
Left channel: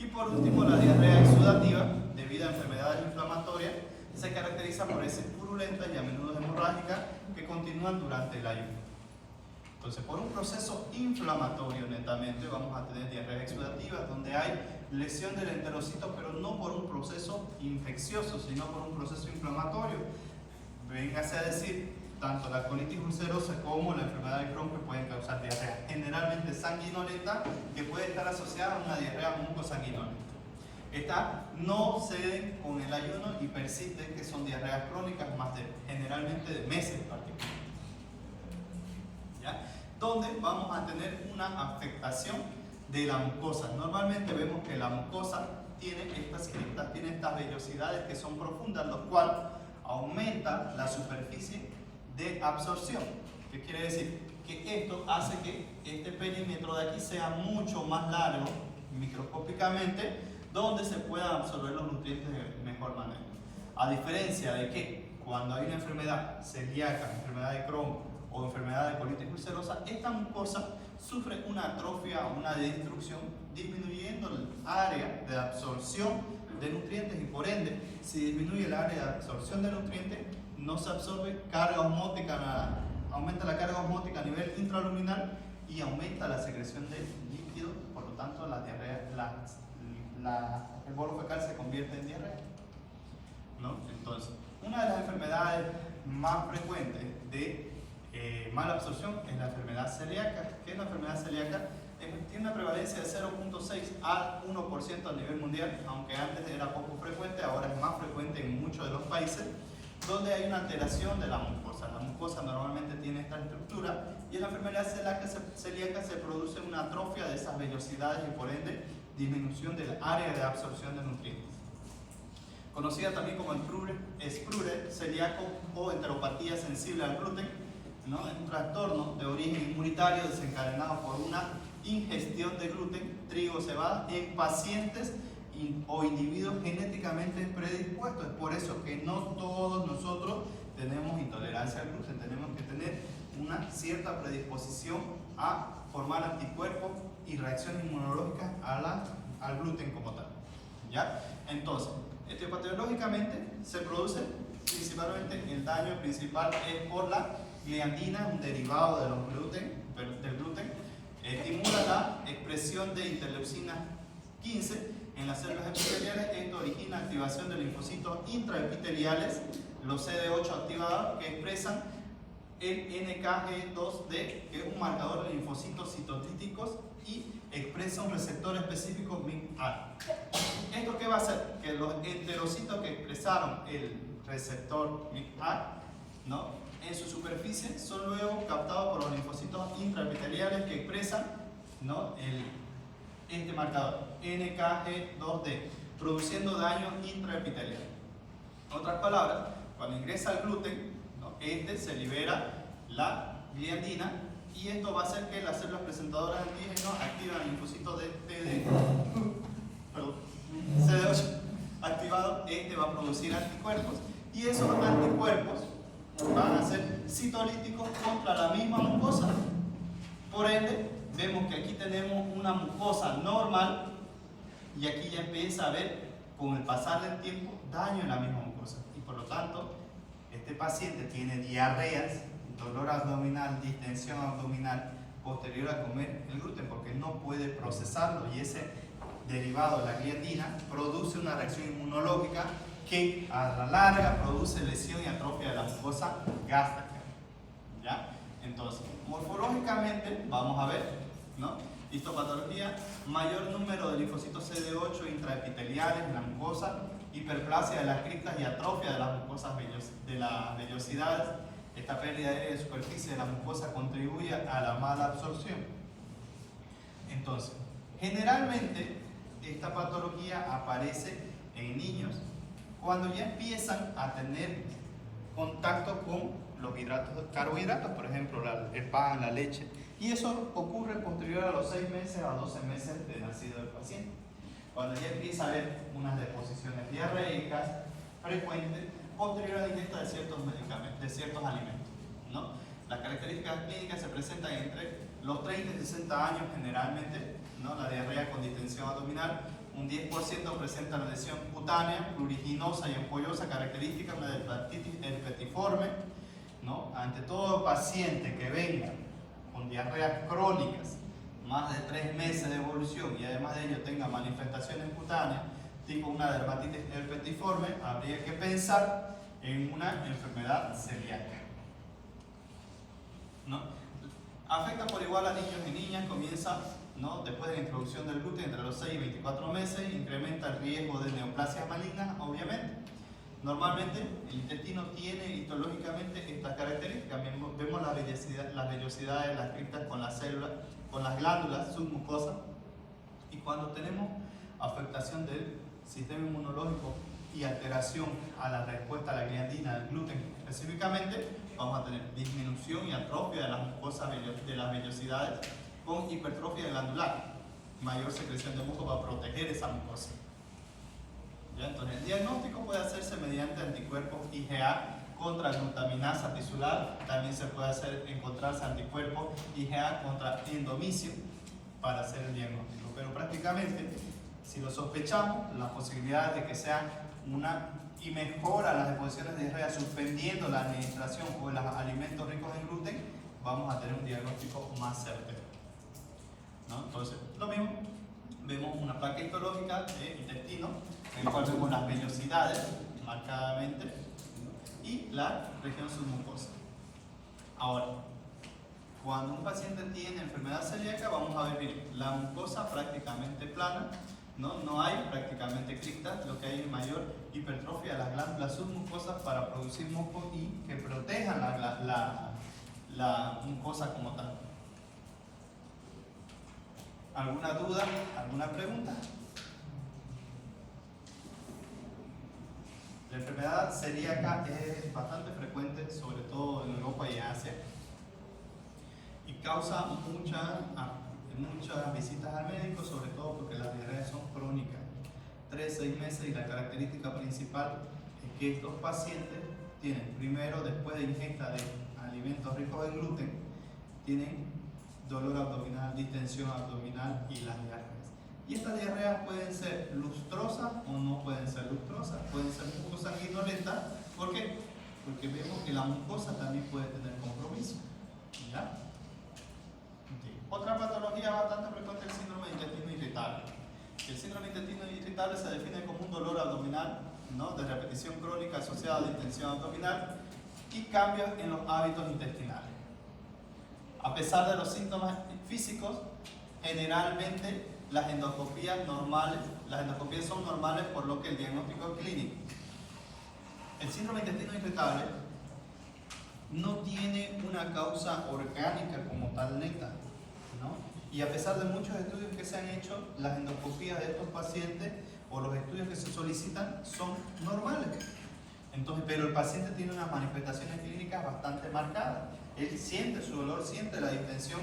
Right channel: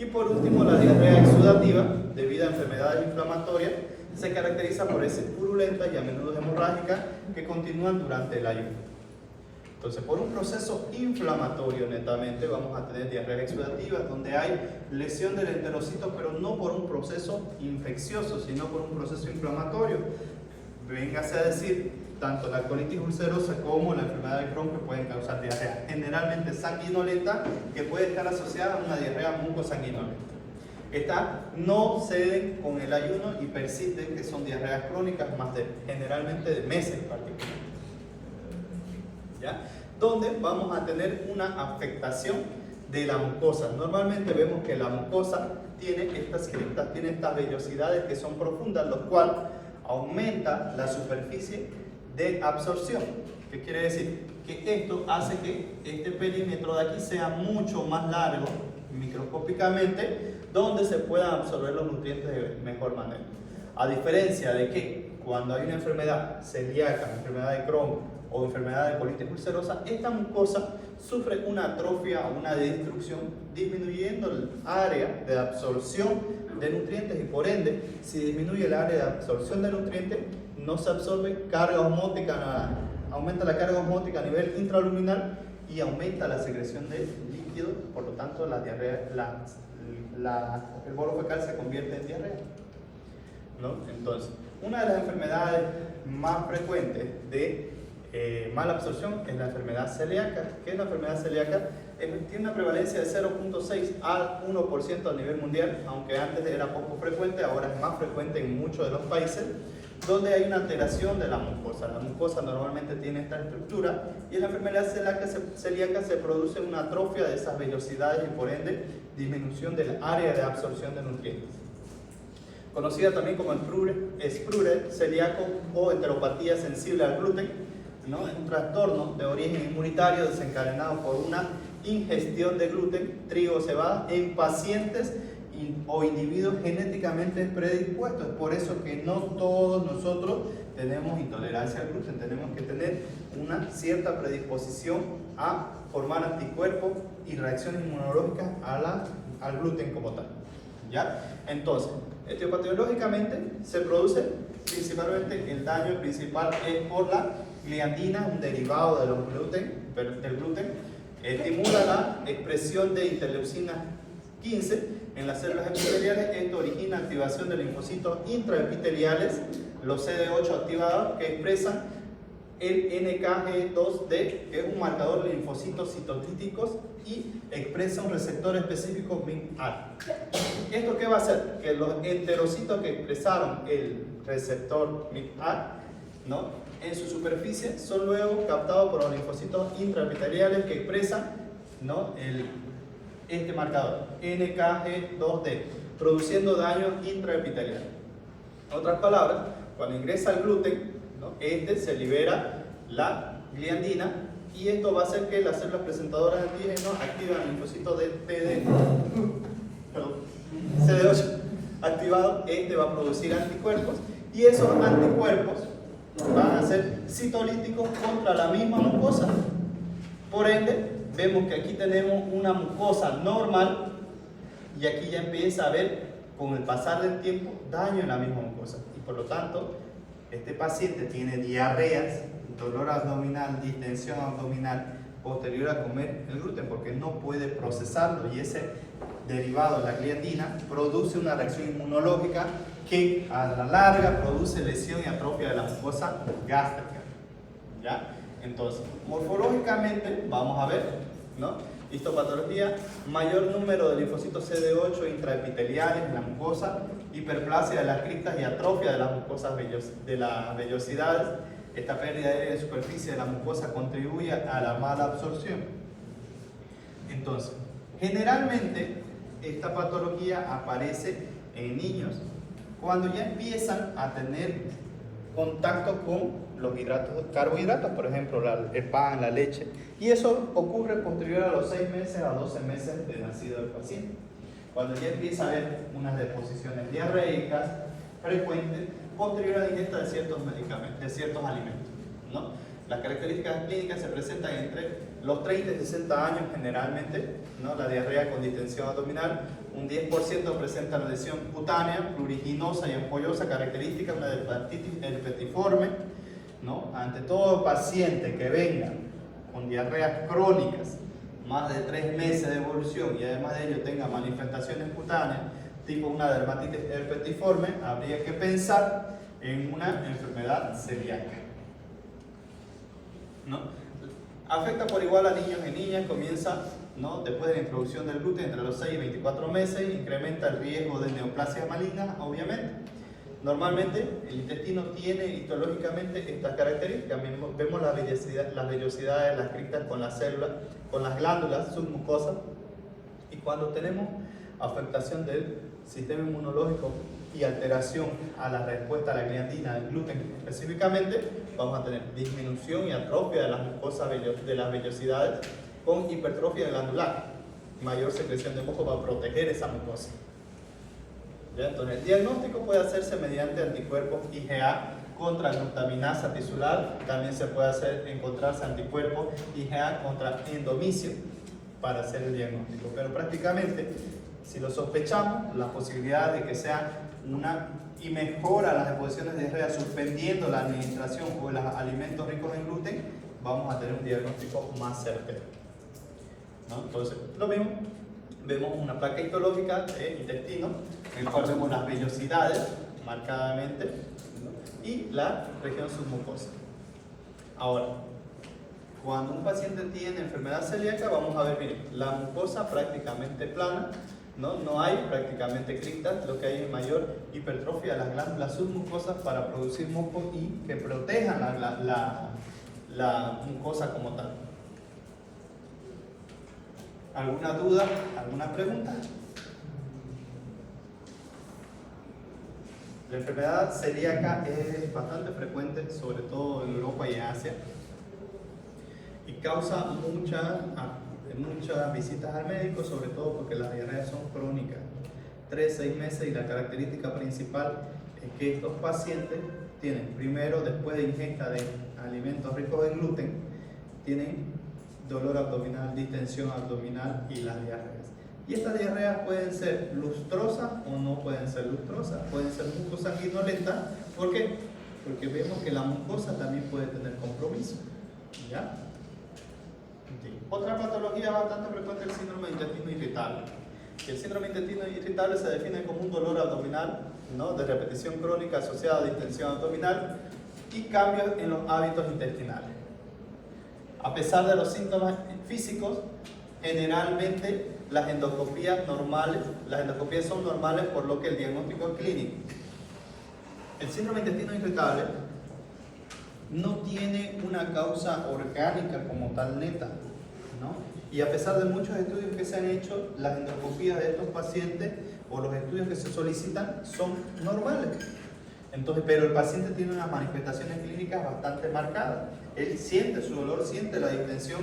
Y por último, la diarrea exudativa, debido a enfermedades inflamatorias, se caracteriza por heces purulentas y a menudo hemorrágicas que continúan durante el ayuno. Entonces, por un proceso inflamatorio netamente, vamos a tener diarreas exudativas donde hay lesión del enterocito, pero no por un proceso infeccioso, sino por un proceso inflamatorio. Véngase a decir, tanto la colitis ulcerosa como la enfermedad de Crohn que pueden causar diarrea, generalmente sanguinolenta, que puede estar asociada a una diarrea mucosanguinolenta. Estas no ceden con el ayuno y persisten, que son diarreas crónicas generalmente de meses particularmente. ¿Ya? Donde vamos a tener una afectación de la mucosa. Normalmente vemos que la mucosa tiene estas criptas, tiene estas vellosidades que son profundas, lo cual aumenta la superficie de absorción. ¿Qué quiere decir? Que esto hace que este perímetro de aquí sea mucho más largo microscópicamente, donde se puedan absorber los nutrientes de mejor manera. A diferencia de que cuando hay una enfermedad celíaca, enfermedad de Crohn o enfermedad de colitis ulcerosa, esta mucosa sufre una atrofia o una destrucción, disminuyendo el área de absorción de nutrientes, y por ende, si disminuye el área de absorción de nutrientes, no se absorbe carga osmótica, aumenta la carga osmótica a nivel intraluminal y aumenta la secreción de líquido, por lo tanto la diarrea, el bolo fecal se convierte en diarrea, ¿no? Entonces, una de las enfermedades más frecuentes de mala absorción es la enfermedad celíaca. ¿Qué es la enfermedad celíaca? Tiene una prevalencia de 0.6 al 1% a nivel mundial, aunque antes era poco frecuente, ahora es más frecuente en muchos de los países, donde hay una alteración de la mucosa. La mucosa normalmente tiene esta estructura, y en la enfermedad celíaca se produce una atrofia de esas vellosidades y por ende disminución del área de absorción de nutrientes. Conocida también como Sprure celíaco o enteropatía sensible al gluten, ¿no? Es un trastorno de origen inmunitario desencadenado por una ingestión de gluten, trigo o cebada en pacientes o individuos genéticamente predispuestos. Es por eso que no todos nosotros tenemos intolerancia al gluten, tenemos que tener una cierta predisposición a formar anticuerpos y reacciones inmunológicas al gluten como tal, ¿ya? Entonces, etiopatológicamente se produce principalmente, el daño principal es por la gliadina, un derivado del gluten, estimula la expresión de interleucina 15 en las células epiteliales. Esto origina activación de linfocitos intraepiteliales, los CD8 activados, que expresan el NKG2D, que es un marcador de linfocitos citotíticos, y expresa un receptor específico MIC-A. ¿Esto qué va a hacer? Que los enterocitos que expresaron el receptor MIC-A, ¿no?, en su superficie son luego captados por los linfocitos intraepiteliales que expresan, ¿no?, este marcador NKG2D, produciendo daño intraepitelial. En otras palabras, cuando ingresa el gluten, ¿no?, se libera la gliadina, y esto va a hacer que las células presentadoras de antígenos activan el linfocito de CD8 activado. Va a producir anticuerpos, y esos anticuerpos van a ser citolíticos contra la misma mucosa. Por ende, vemos que aquí tenemos una mucosa normal, y aquí ya empieza a haber, con el pasar del tiempo, daño en la misma mucosa, y por lo tanto este paciente tiene diarreas, dolor abdominal, distensión abdominal posterior a comer el gluten, porque no puede procesarlo, y ese derivado, la gliadina, produce una reacción inmunológica que a la larga produce lesión y atrofia de la mucosa gástrica, ¿ya? Entonces, morfológicamente vamos a ver, ¿no?, histopatología: mayor número de linfocitos CD8 intraepiteliales en la mucosa, hiperplasia de las criptas y atrofia de las mucosas de las vellosidades. Esta pérdida de superficie de la mucosa contribuye a la mala absorción. Entonces, generalmente esta patología aparece en niños cuando ya empiezan a tener contacto con los carbohidratos, por ejemplo, el pan, la leche, y eso ocurre posterior a los 6 meses a 12 meses de nacido del paciente, cuando ya empieza a haber unas deposiciones diarreicas frecuentes posterior a la ingesta de ciertos medicamentos, de ciertos alimentos, ¿no? Las características clínicas se presentan entre los 30 y 60 años generalmente, ¿no? La diarrea con distensión abdominal, un 10% presenta una lesión cutánea, pruriginosa y ampollosa, característica de una hepatitis herpetiforme, ¿no? Ante todo paciente que venga con diarreas crónicas, más de 3 meses de evolución y además de ello tenga manifestaciones cutáneas, tipo una dermatitis herpetiforme, habría que pensar en una enfermedad celíaca, ¿no? Afecta por igual a niños y niñas, comienza, ¿no?, después de la introducción del gluten entre los 6 y 24 meses, incrementa el riesgo de neoplasia maligna, obviamente. Normalmente el intestino tiene histológicamente estas características. Vemos las vellosidades de las cristas con las células, con las glándulas submucosas, y cuando tenemos afectación del sistema inmunológico y alteración a la respuesta a la gliadina, al gluten específicamente, vamos a tener disminución y atrofia de las mucosas de las vellosidades con hipertrofia glandular, mayor secreción de moco para proteger esa mucosa. ¿Ya? Entonces, el diagnóstico puede hacerse mediante anticuerpos IgA contra glutaminasa tisular, también se puede encontrarse anticuerpos IgA contra endomicio para hacer el diagnóstico, pero prácticamente, si lo sospechamos, la posibilidad de que sea y mejora las exposiciones de diarrea suspendiendo la administración o los alimentos ricos en gluten, vamos a tener un diagnóstico más certero, ¿no? Entonces, lo mismo, vemos una placa histológica de intestino, en el cual vemos las vellosidades marcadamente, ¿no?, y la región submucosa. Ahora, cuando un paciente tiene enfermedad celíaca, vamos a ver, miren, la mucosa prácticamente plana, no hay prácticamente cristas, lo que hay es mayor hipertrofia de las glándulas submucosas para producir moco y que protejan la mucosa como tal. ¿Alguna duda? ¿Alguna pregunta? La enfermedad celíaca es bastante frecuente, sobre todo en Europa y en Asia, y causa muchas visitas al médico, sobre todo porque las diarreas son crónicas, 3-6 meses, y la característica principal es que estos pacientes tienen, primero, después de ingesta de alimentos ricos en gluten, tienen dolor abdominal, distensión abdominal y las diarreas. Y estas diarreas pueden ser lustrosas o no pueden ser lustrosas, pueden ser mucosanguinolentas. ¿Por qué? Porque vemos que la mucosa también puede tener compromiso, ¿ya? Otra patología bastante frecuente es el síndrome de intestino irritable. El síndrome de intestino irritable se define como un dolor abdominal, ¿no?, de repetición crónica asociada a distensión abdominal y cambios en los hábitos intestinales. A pesar de los síntomas físicos, generalmente las endoscopías son normales, por lo que el diagnóstico es clínico. El síndrome de intestino irritable no tiene una causa orgánica como tal neta, ¿no? Y a pesar de muchos estudios que se han hecho, las endoscopías de estos pacientes o los estudios que se solicitan son normales. Entonces, pero el paciente tiene unas manifestaciones clínicas bastante marcadas. Él siente su dolor, siente la distensión,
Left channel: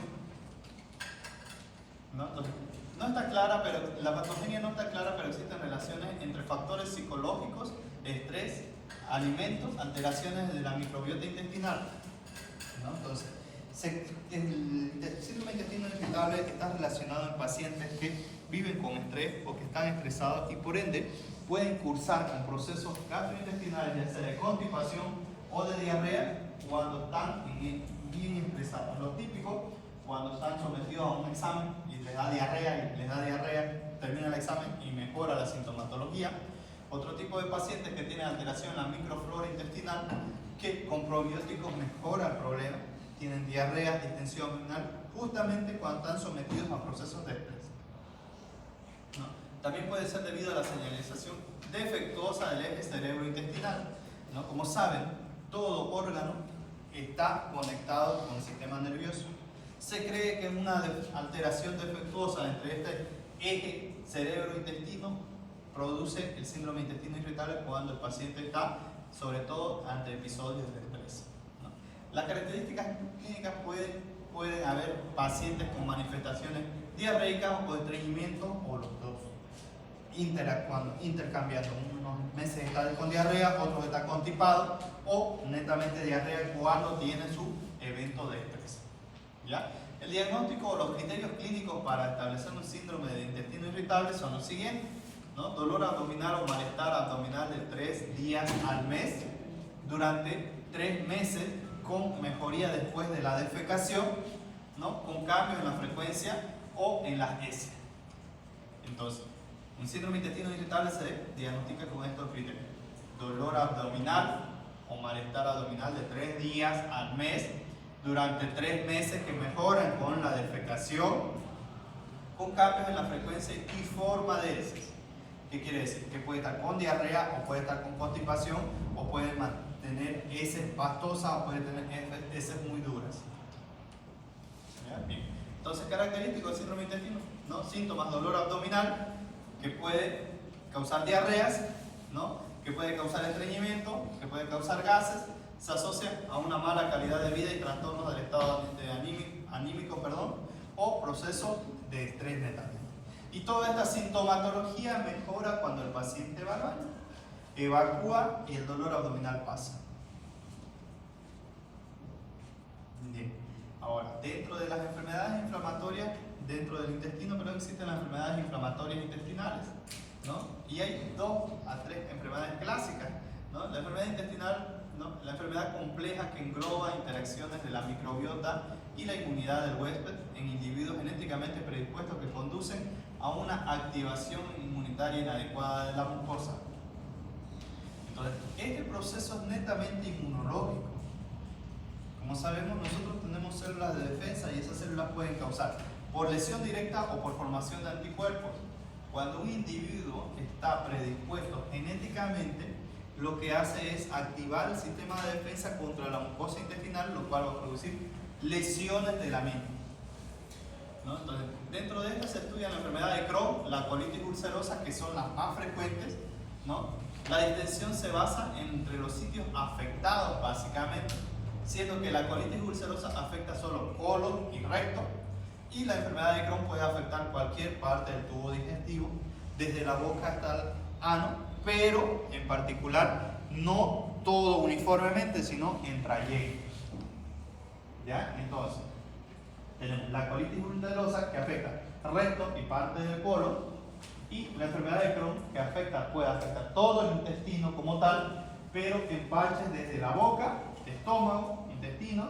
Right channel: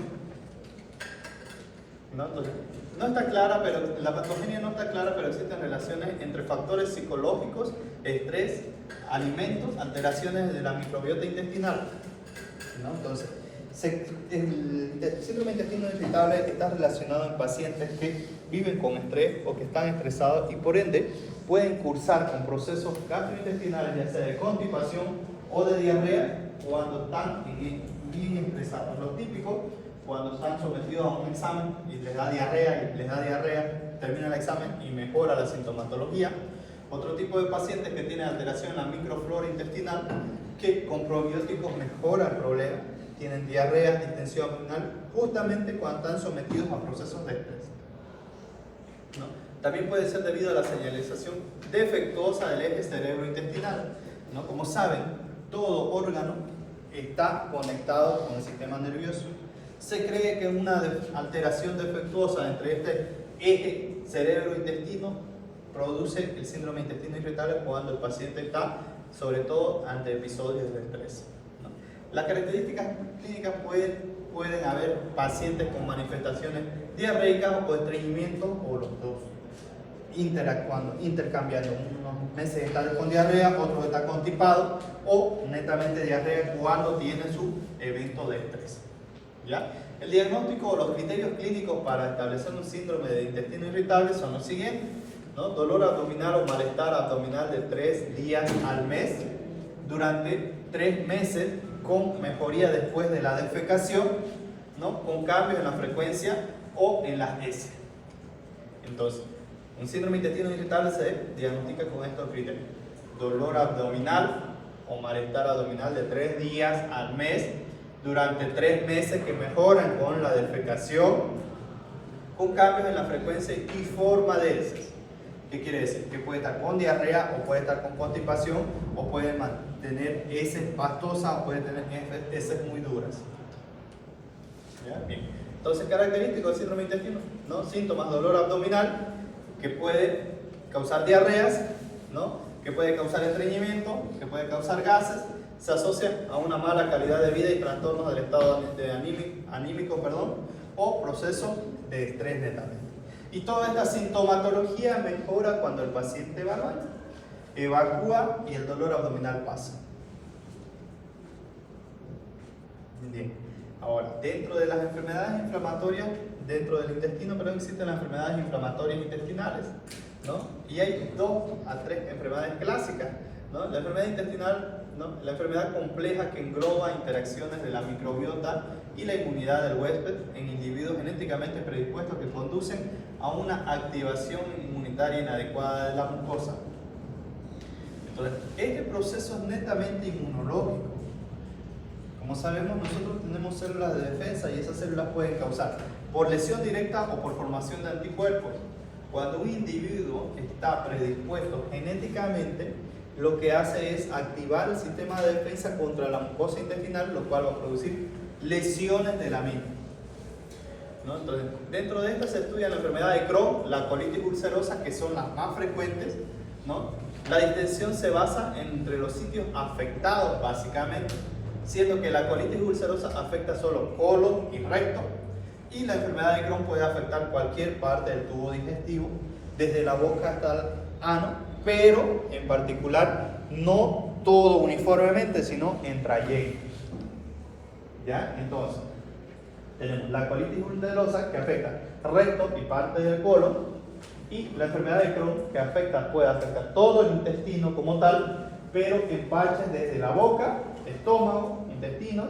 ¿no? Entonces, no está clara, pero la patogenia no está clara, pero existen relaciones entre factores psicológicos, estrés, alimentos, alteraciones de la microbiota intestinal, ¿no? Entonces, el síndrome de intestino irritable está relacionado en pacientes que viven con estrés o que están estresados y por ende pueden cursar con procesos gastrointestinales, ya sea de constipación o de diarrea, cuando están bien estresados. Lo típico, cuando están sometidos a un examen y les da diarrea, termina el examen y mejora la sintomatología. Otro tipo de pacientes que tienen alteración en la microflora intestinal, que con probióticos mejora el problema, tienen diarrea, distensión abdominal, justamente cuando están sometidos a procesos de estrés, ¿no? También puede ser debido a la señalización defectuosa del eje cerebro-intestinal, ¿no? Como saben, todo órgano está conectado con el sistema nervioso. Se cree que una alteración defectuosa entre este eje cerebro-intestino produce el síndrome de intestino irritable cuando el paciente está, sobre todo, ante episodios de estrés, ¿no? Las características clínicas pueden haber pacientes con manifestaciones diarreicas o estreñimiento, o los dos, intercambiando. Unos meses está con diarrea, otros está constipado, o netamente diarrea cuando tiene su evento de estrés, ¿ya? El diagnóstico o los criterios clínicos para establecer un síndrome de intestino irritable son los siguientes, ¿no? Dolor abdominal o malestar abdominal de 3 días al mes durante 3 meses con mejoría después de la defecación, ¿no? Con cambios en la frecuencia o en las S. Entonces, un síndrome de intestino irritable se diagnostica con estos criterios: dolor abdominal o malestar abdominal de 3 días al mes durante 3 meses que mejoran con la defecación, con cambios en la frecuencia y forma de heces. ¿Qué quiere decir? Que puede estar con diarrea o puede estar con constipación o puede tener heces pastosas o puede tener heces muy duras. ¿Ya? Bien. Entonces, característico del síndrome de intestino, ¿no? Síntomas: dolor abdominal, que puede causar diarreas, ¿no? Que puede causar estreñimiento, que puede causar gases. Se asocia a una mala calidad de vida y trastornos del estado anímico, o proceso de estrés netamente. Y toda esta sintomatología mejora cuando el paciente va al baño, evacúa y el dolor abdominal pasa. Bien. Ahora, dentro de las enfermedades inflamatorias, dentro del intestino, pero existen las enfermedades inflamatorias intestinales, ¿no? Y hay 2 a 3 enfermedades clásicas, ¿no? La enfermedad intestinal, ¿no? La enfermedad compleja que engloba interacciones de la microbiota y la inmunidad del huésped en individuos genéticamente predispuestos que conducen a una activación inmunitaria inadecuada de la mucosa. Entonces, este proceso es netamente inmunológico. Como sabemos, nosotros tenemos células de defensa y esas células pueden causar por lesión directa o por formación de anticuerpos. Cuando un individuo está predispuesto genéticamente, lo que hace es activar el sistema de defensa contra la mucosa intestinal, lo cual va a producir lesiones de la misma, ¿no? Entonces, dentro de esta se estudia la enfermedad de Crohn, la colitis ulcerosa, que son las más frecuentes, ¿no? La distensión se basa entre los sitios afectados, básicamente, siendo que la colitis ulcerosa afecta solo colon y recto, y la enfermedad de Crohn puede afectar cualquier parte del tubo digestivo, desde la boca hasta el ano, pero en particular no todo uniformemente, sino en trayectos. ¿Ya? Entonces, tenemos la colitis ulcerosa, que afecta recto y parte del colon, y la enfermedad de Crohn, que puede afectar todo el intestino como tal, pero en parches desde la boca, estómago, intestinos,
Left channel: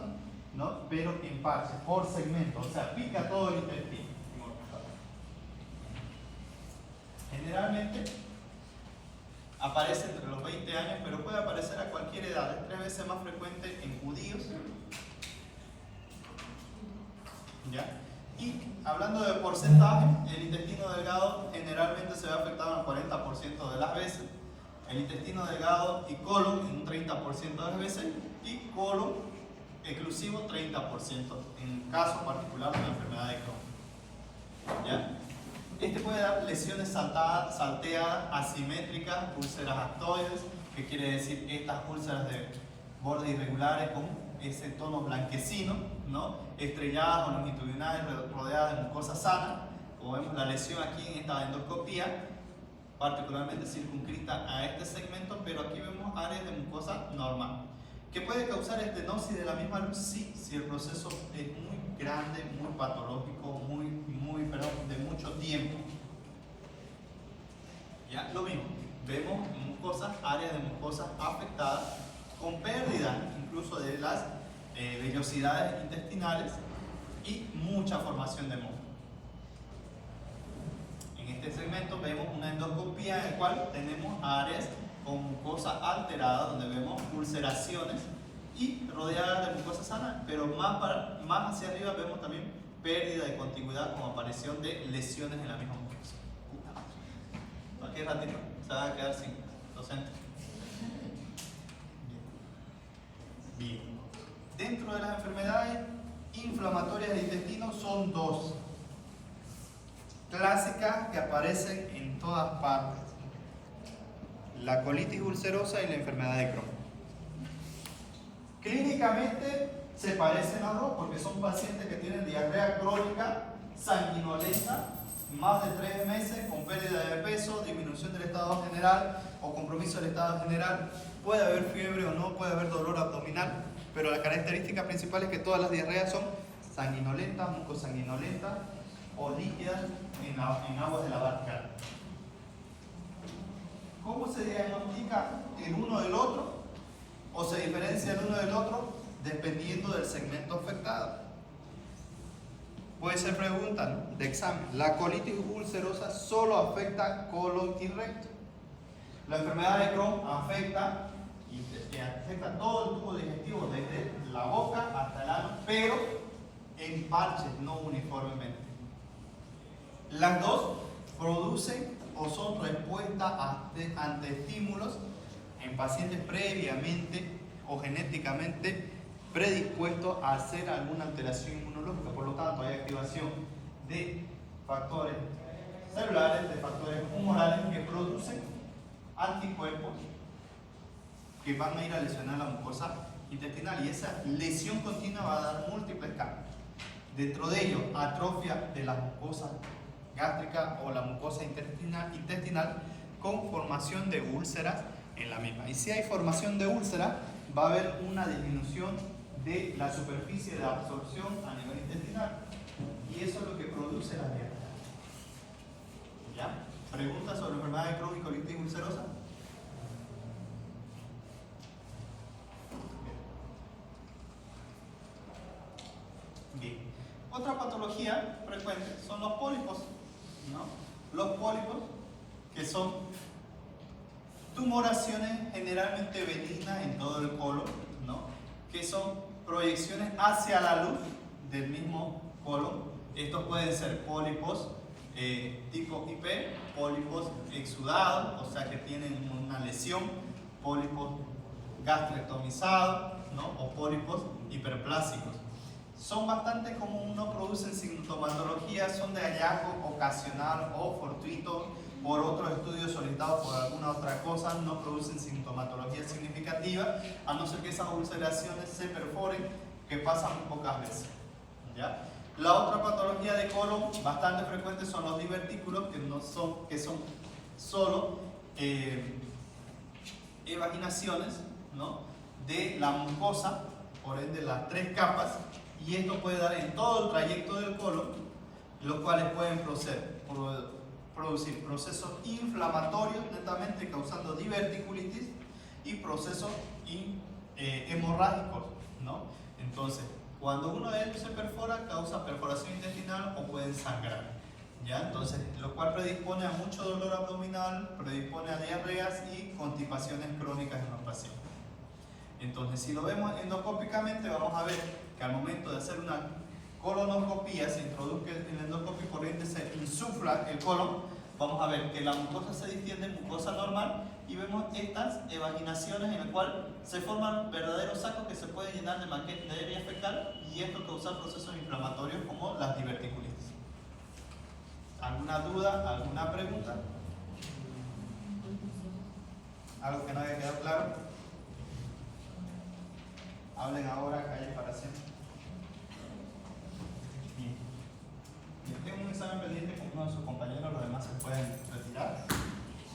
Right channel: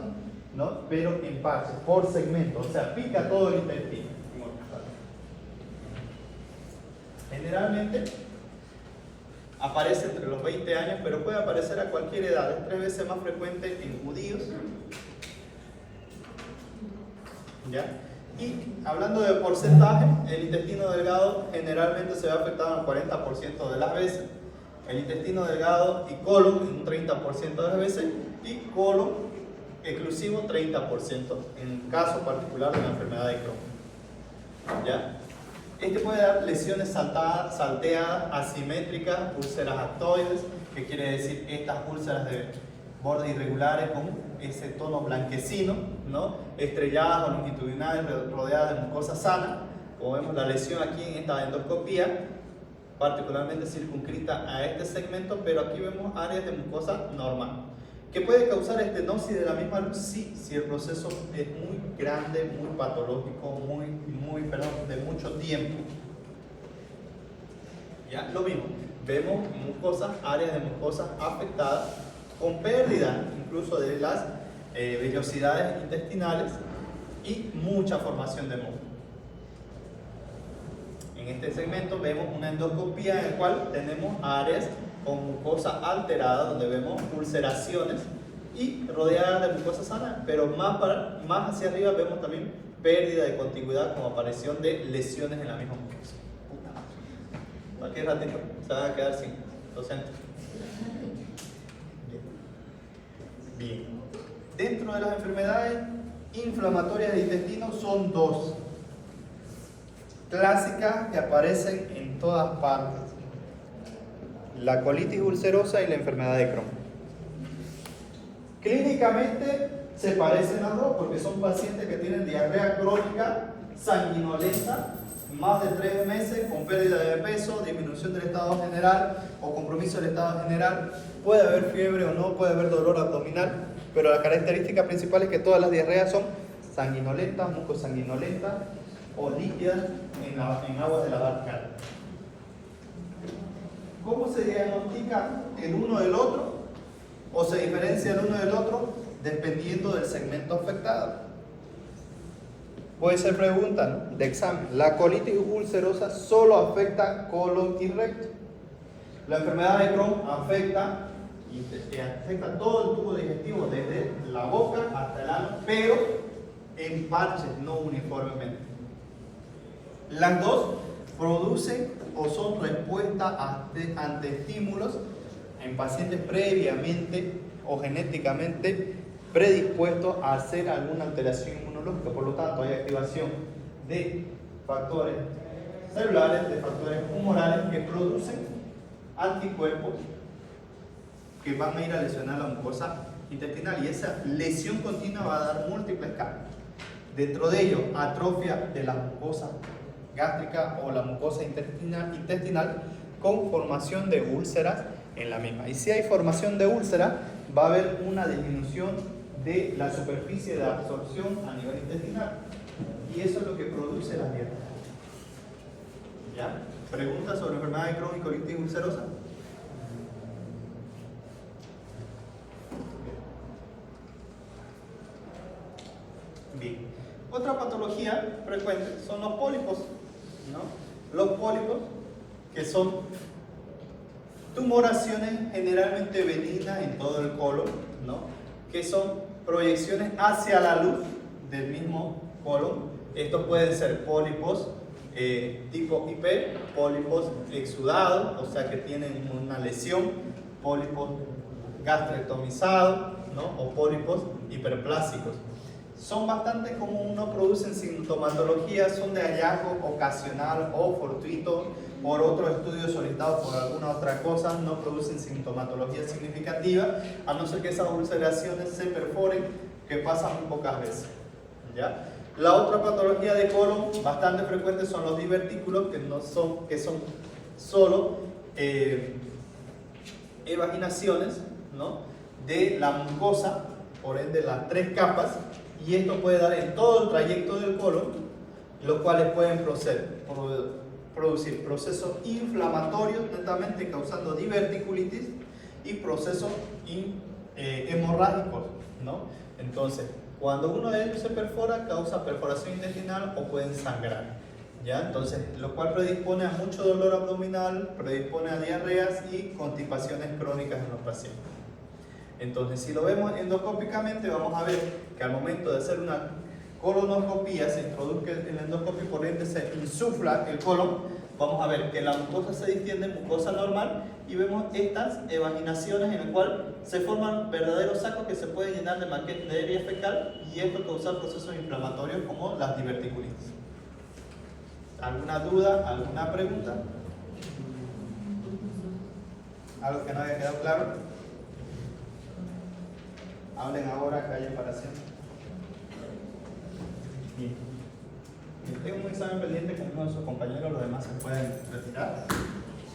¿no? Pero en parches, por segmentos, o sea, pica todo el intestino. Generalmente aparece entre los 20 años, pero puede aparecer a cualquier edad. Es 3 veces más frecuente en judíos. ¿Ya? Y hablando de porcentaje, el intestino delgado generalmente se ve afectado en el 40% de las veces, el intestino delgado y colon en un 30% de las veces, y colon exclusivo 30% en el caso particular de la enfermedad de Crohn. ¿Ya? Este puede dar lesiones salteadas, asimétricas, úlceras actoides, que quiere decir estas úlceras de bordes irregulares con ese tono blanquecino, ¿no? Estrelladas o longitudinales rodeadas de mucosa sana. Como vemos, la lesión aquí en esta endoscopía, particularmente circunscrita a este segmento, pero aquí vemos áreas de mucosa normal. ¿Qué puede causar estenosis de la misma luz? Sí, si el proceso es muy grande, muy patológico, de mucho tiempo. ¿Ya? Lo mismo, vemos mucosas, áreas de mucosas afectadas, con pérdida incluso de las vellosidades intestinales y mucha formación de moho. En este segmento vemos una endoscopía en la cual tenemos áreas con mucosa alterada, donde vemos ulceraciones y rodeadas de mucosa sana, pero más hacia arriba vemos también pérdida de contigüidad como aparición de lesiones en la misma mucosa. Aquí ratito se van a quedar sin docentes. Bien. Dentro de las enfermedades inflamatorias del intestino son 2 clásicas que aparecen en todas partes: la colitis ulcerosa y la enfermedad de Crohn. Clínicamente se parecen las dos porque son pacientes que tienen diarrea crónica sanguinolenta, más de 3 meses, con pérdida de peso, disminución del estado general o compromiso del estado general. Puede haber fiebre o no, puede haber dolor abdominal, pero la característica principal es que todas las diarreas son sanguinolentas, mucosanguinolentas o líquidas en aguas de lavar cara. ¿Cómo se diagnostica el uno del otro? ¿O se diferencia el uno del otro? Dependiendo del segmento afectado. Puede ser pregunta, ¿no?, de examen. ¿La colitis ulcerosa solo afecta colon y recto? La enfermedad de Crohn afecta todo el tubo digestivo, desde la boca hasta el ano, pero en parches, no uniformemente. Las dos producen o son respuestas ante estímulos en pacientes previamente o genéticamente predispuestos a hacer alguna alteración inmunológica. Por lo tanto, hay activación de factores celulares, de factores humorales que producen anticuerpos que van a ir a lesionar la mucosa intestinal, y esa lesión continua va a dar múltiples cambios. Dentro de ello, atrofia de la mucosa gástrica o la mucosa intestinal con formación de úlceras en la misma. Y si hay formación de úlcera, va a haber una disminución de la superficie de absorción a nivel intestinal, y eso es lo que produce la diarrea. ¿Ya? ¿Preguntas sobre enfermedad de Crohn y colitis ulcerosa? Bien. Otra patología frecuente son los pólipos, ¿no? Los pólipos, que son tumoraciones generalmente benignas en todo el colon, ¿no?, que son proyecciones hacia la luz del mismo colon. Estos pueden ser pólipos tipo IP, pólipos exudados, o sea que tienen una lesión, pólipos gastrectomizados, ¿no?, o pólipos hiperplásicos. Son bastante comunes, no producen sintomatología, son de hallazgo ocasional o fortuito por otros estudios solicitados por alguna otra cosa, no producen sintomatología significativa, a no ser que esas ulceraciones se perforen, que pasa muy pocas veces. ¿Ya? La otra patología de colon bastante frecuente son los divertículos, que son solo evaginaciones, ¿no?, de la mucosa, por ende las tres capas, y esto puede dar en todo el trayecto del colon, los cuales pueden producir procesos inflamatorios netamente, causando diverticulitis, y procesos hemorrágicos, ¿no? Entonces, cuando uno de ellos se perfora, causa perforación intestinal o pueden sangrar, ¿ya? Entonces, lo cual predispone a mucho dolor abdominal, predispone a diarreas y constipaciones crónicas en los pacientes. Entonces, si lo vemos endoscópicamente, vamos a ver que al momento de hacer una colonoscopía se introduzca el endoscopio, por ende se insufla el colon. Vamos a ver que la mucosa se distiende en mucosa normal y vemos estas evaginaciones en las cuales se forman verdaderos sacos que se pueden llenar de materia fecal, y esto causa procesos inflamatorios como las diverticulitis. ¿Alguna duda? ¿Alguna pregunta? ¿Algo que no haya quedado claro? Hablen ahora, callen para siempre. Bien. Tengo un examen pendiente con uno de sus compañeros, los demás se pueden retirar.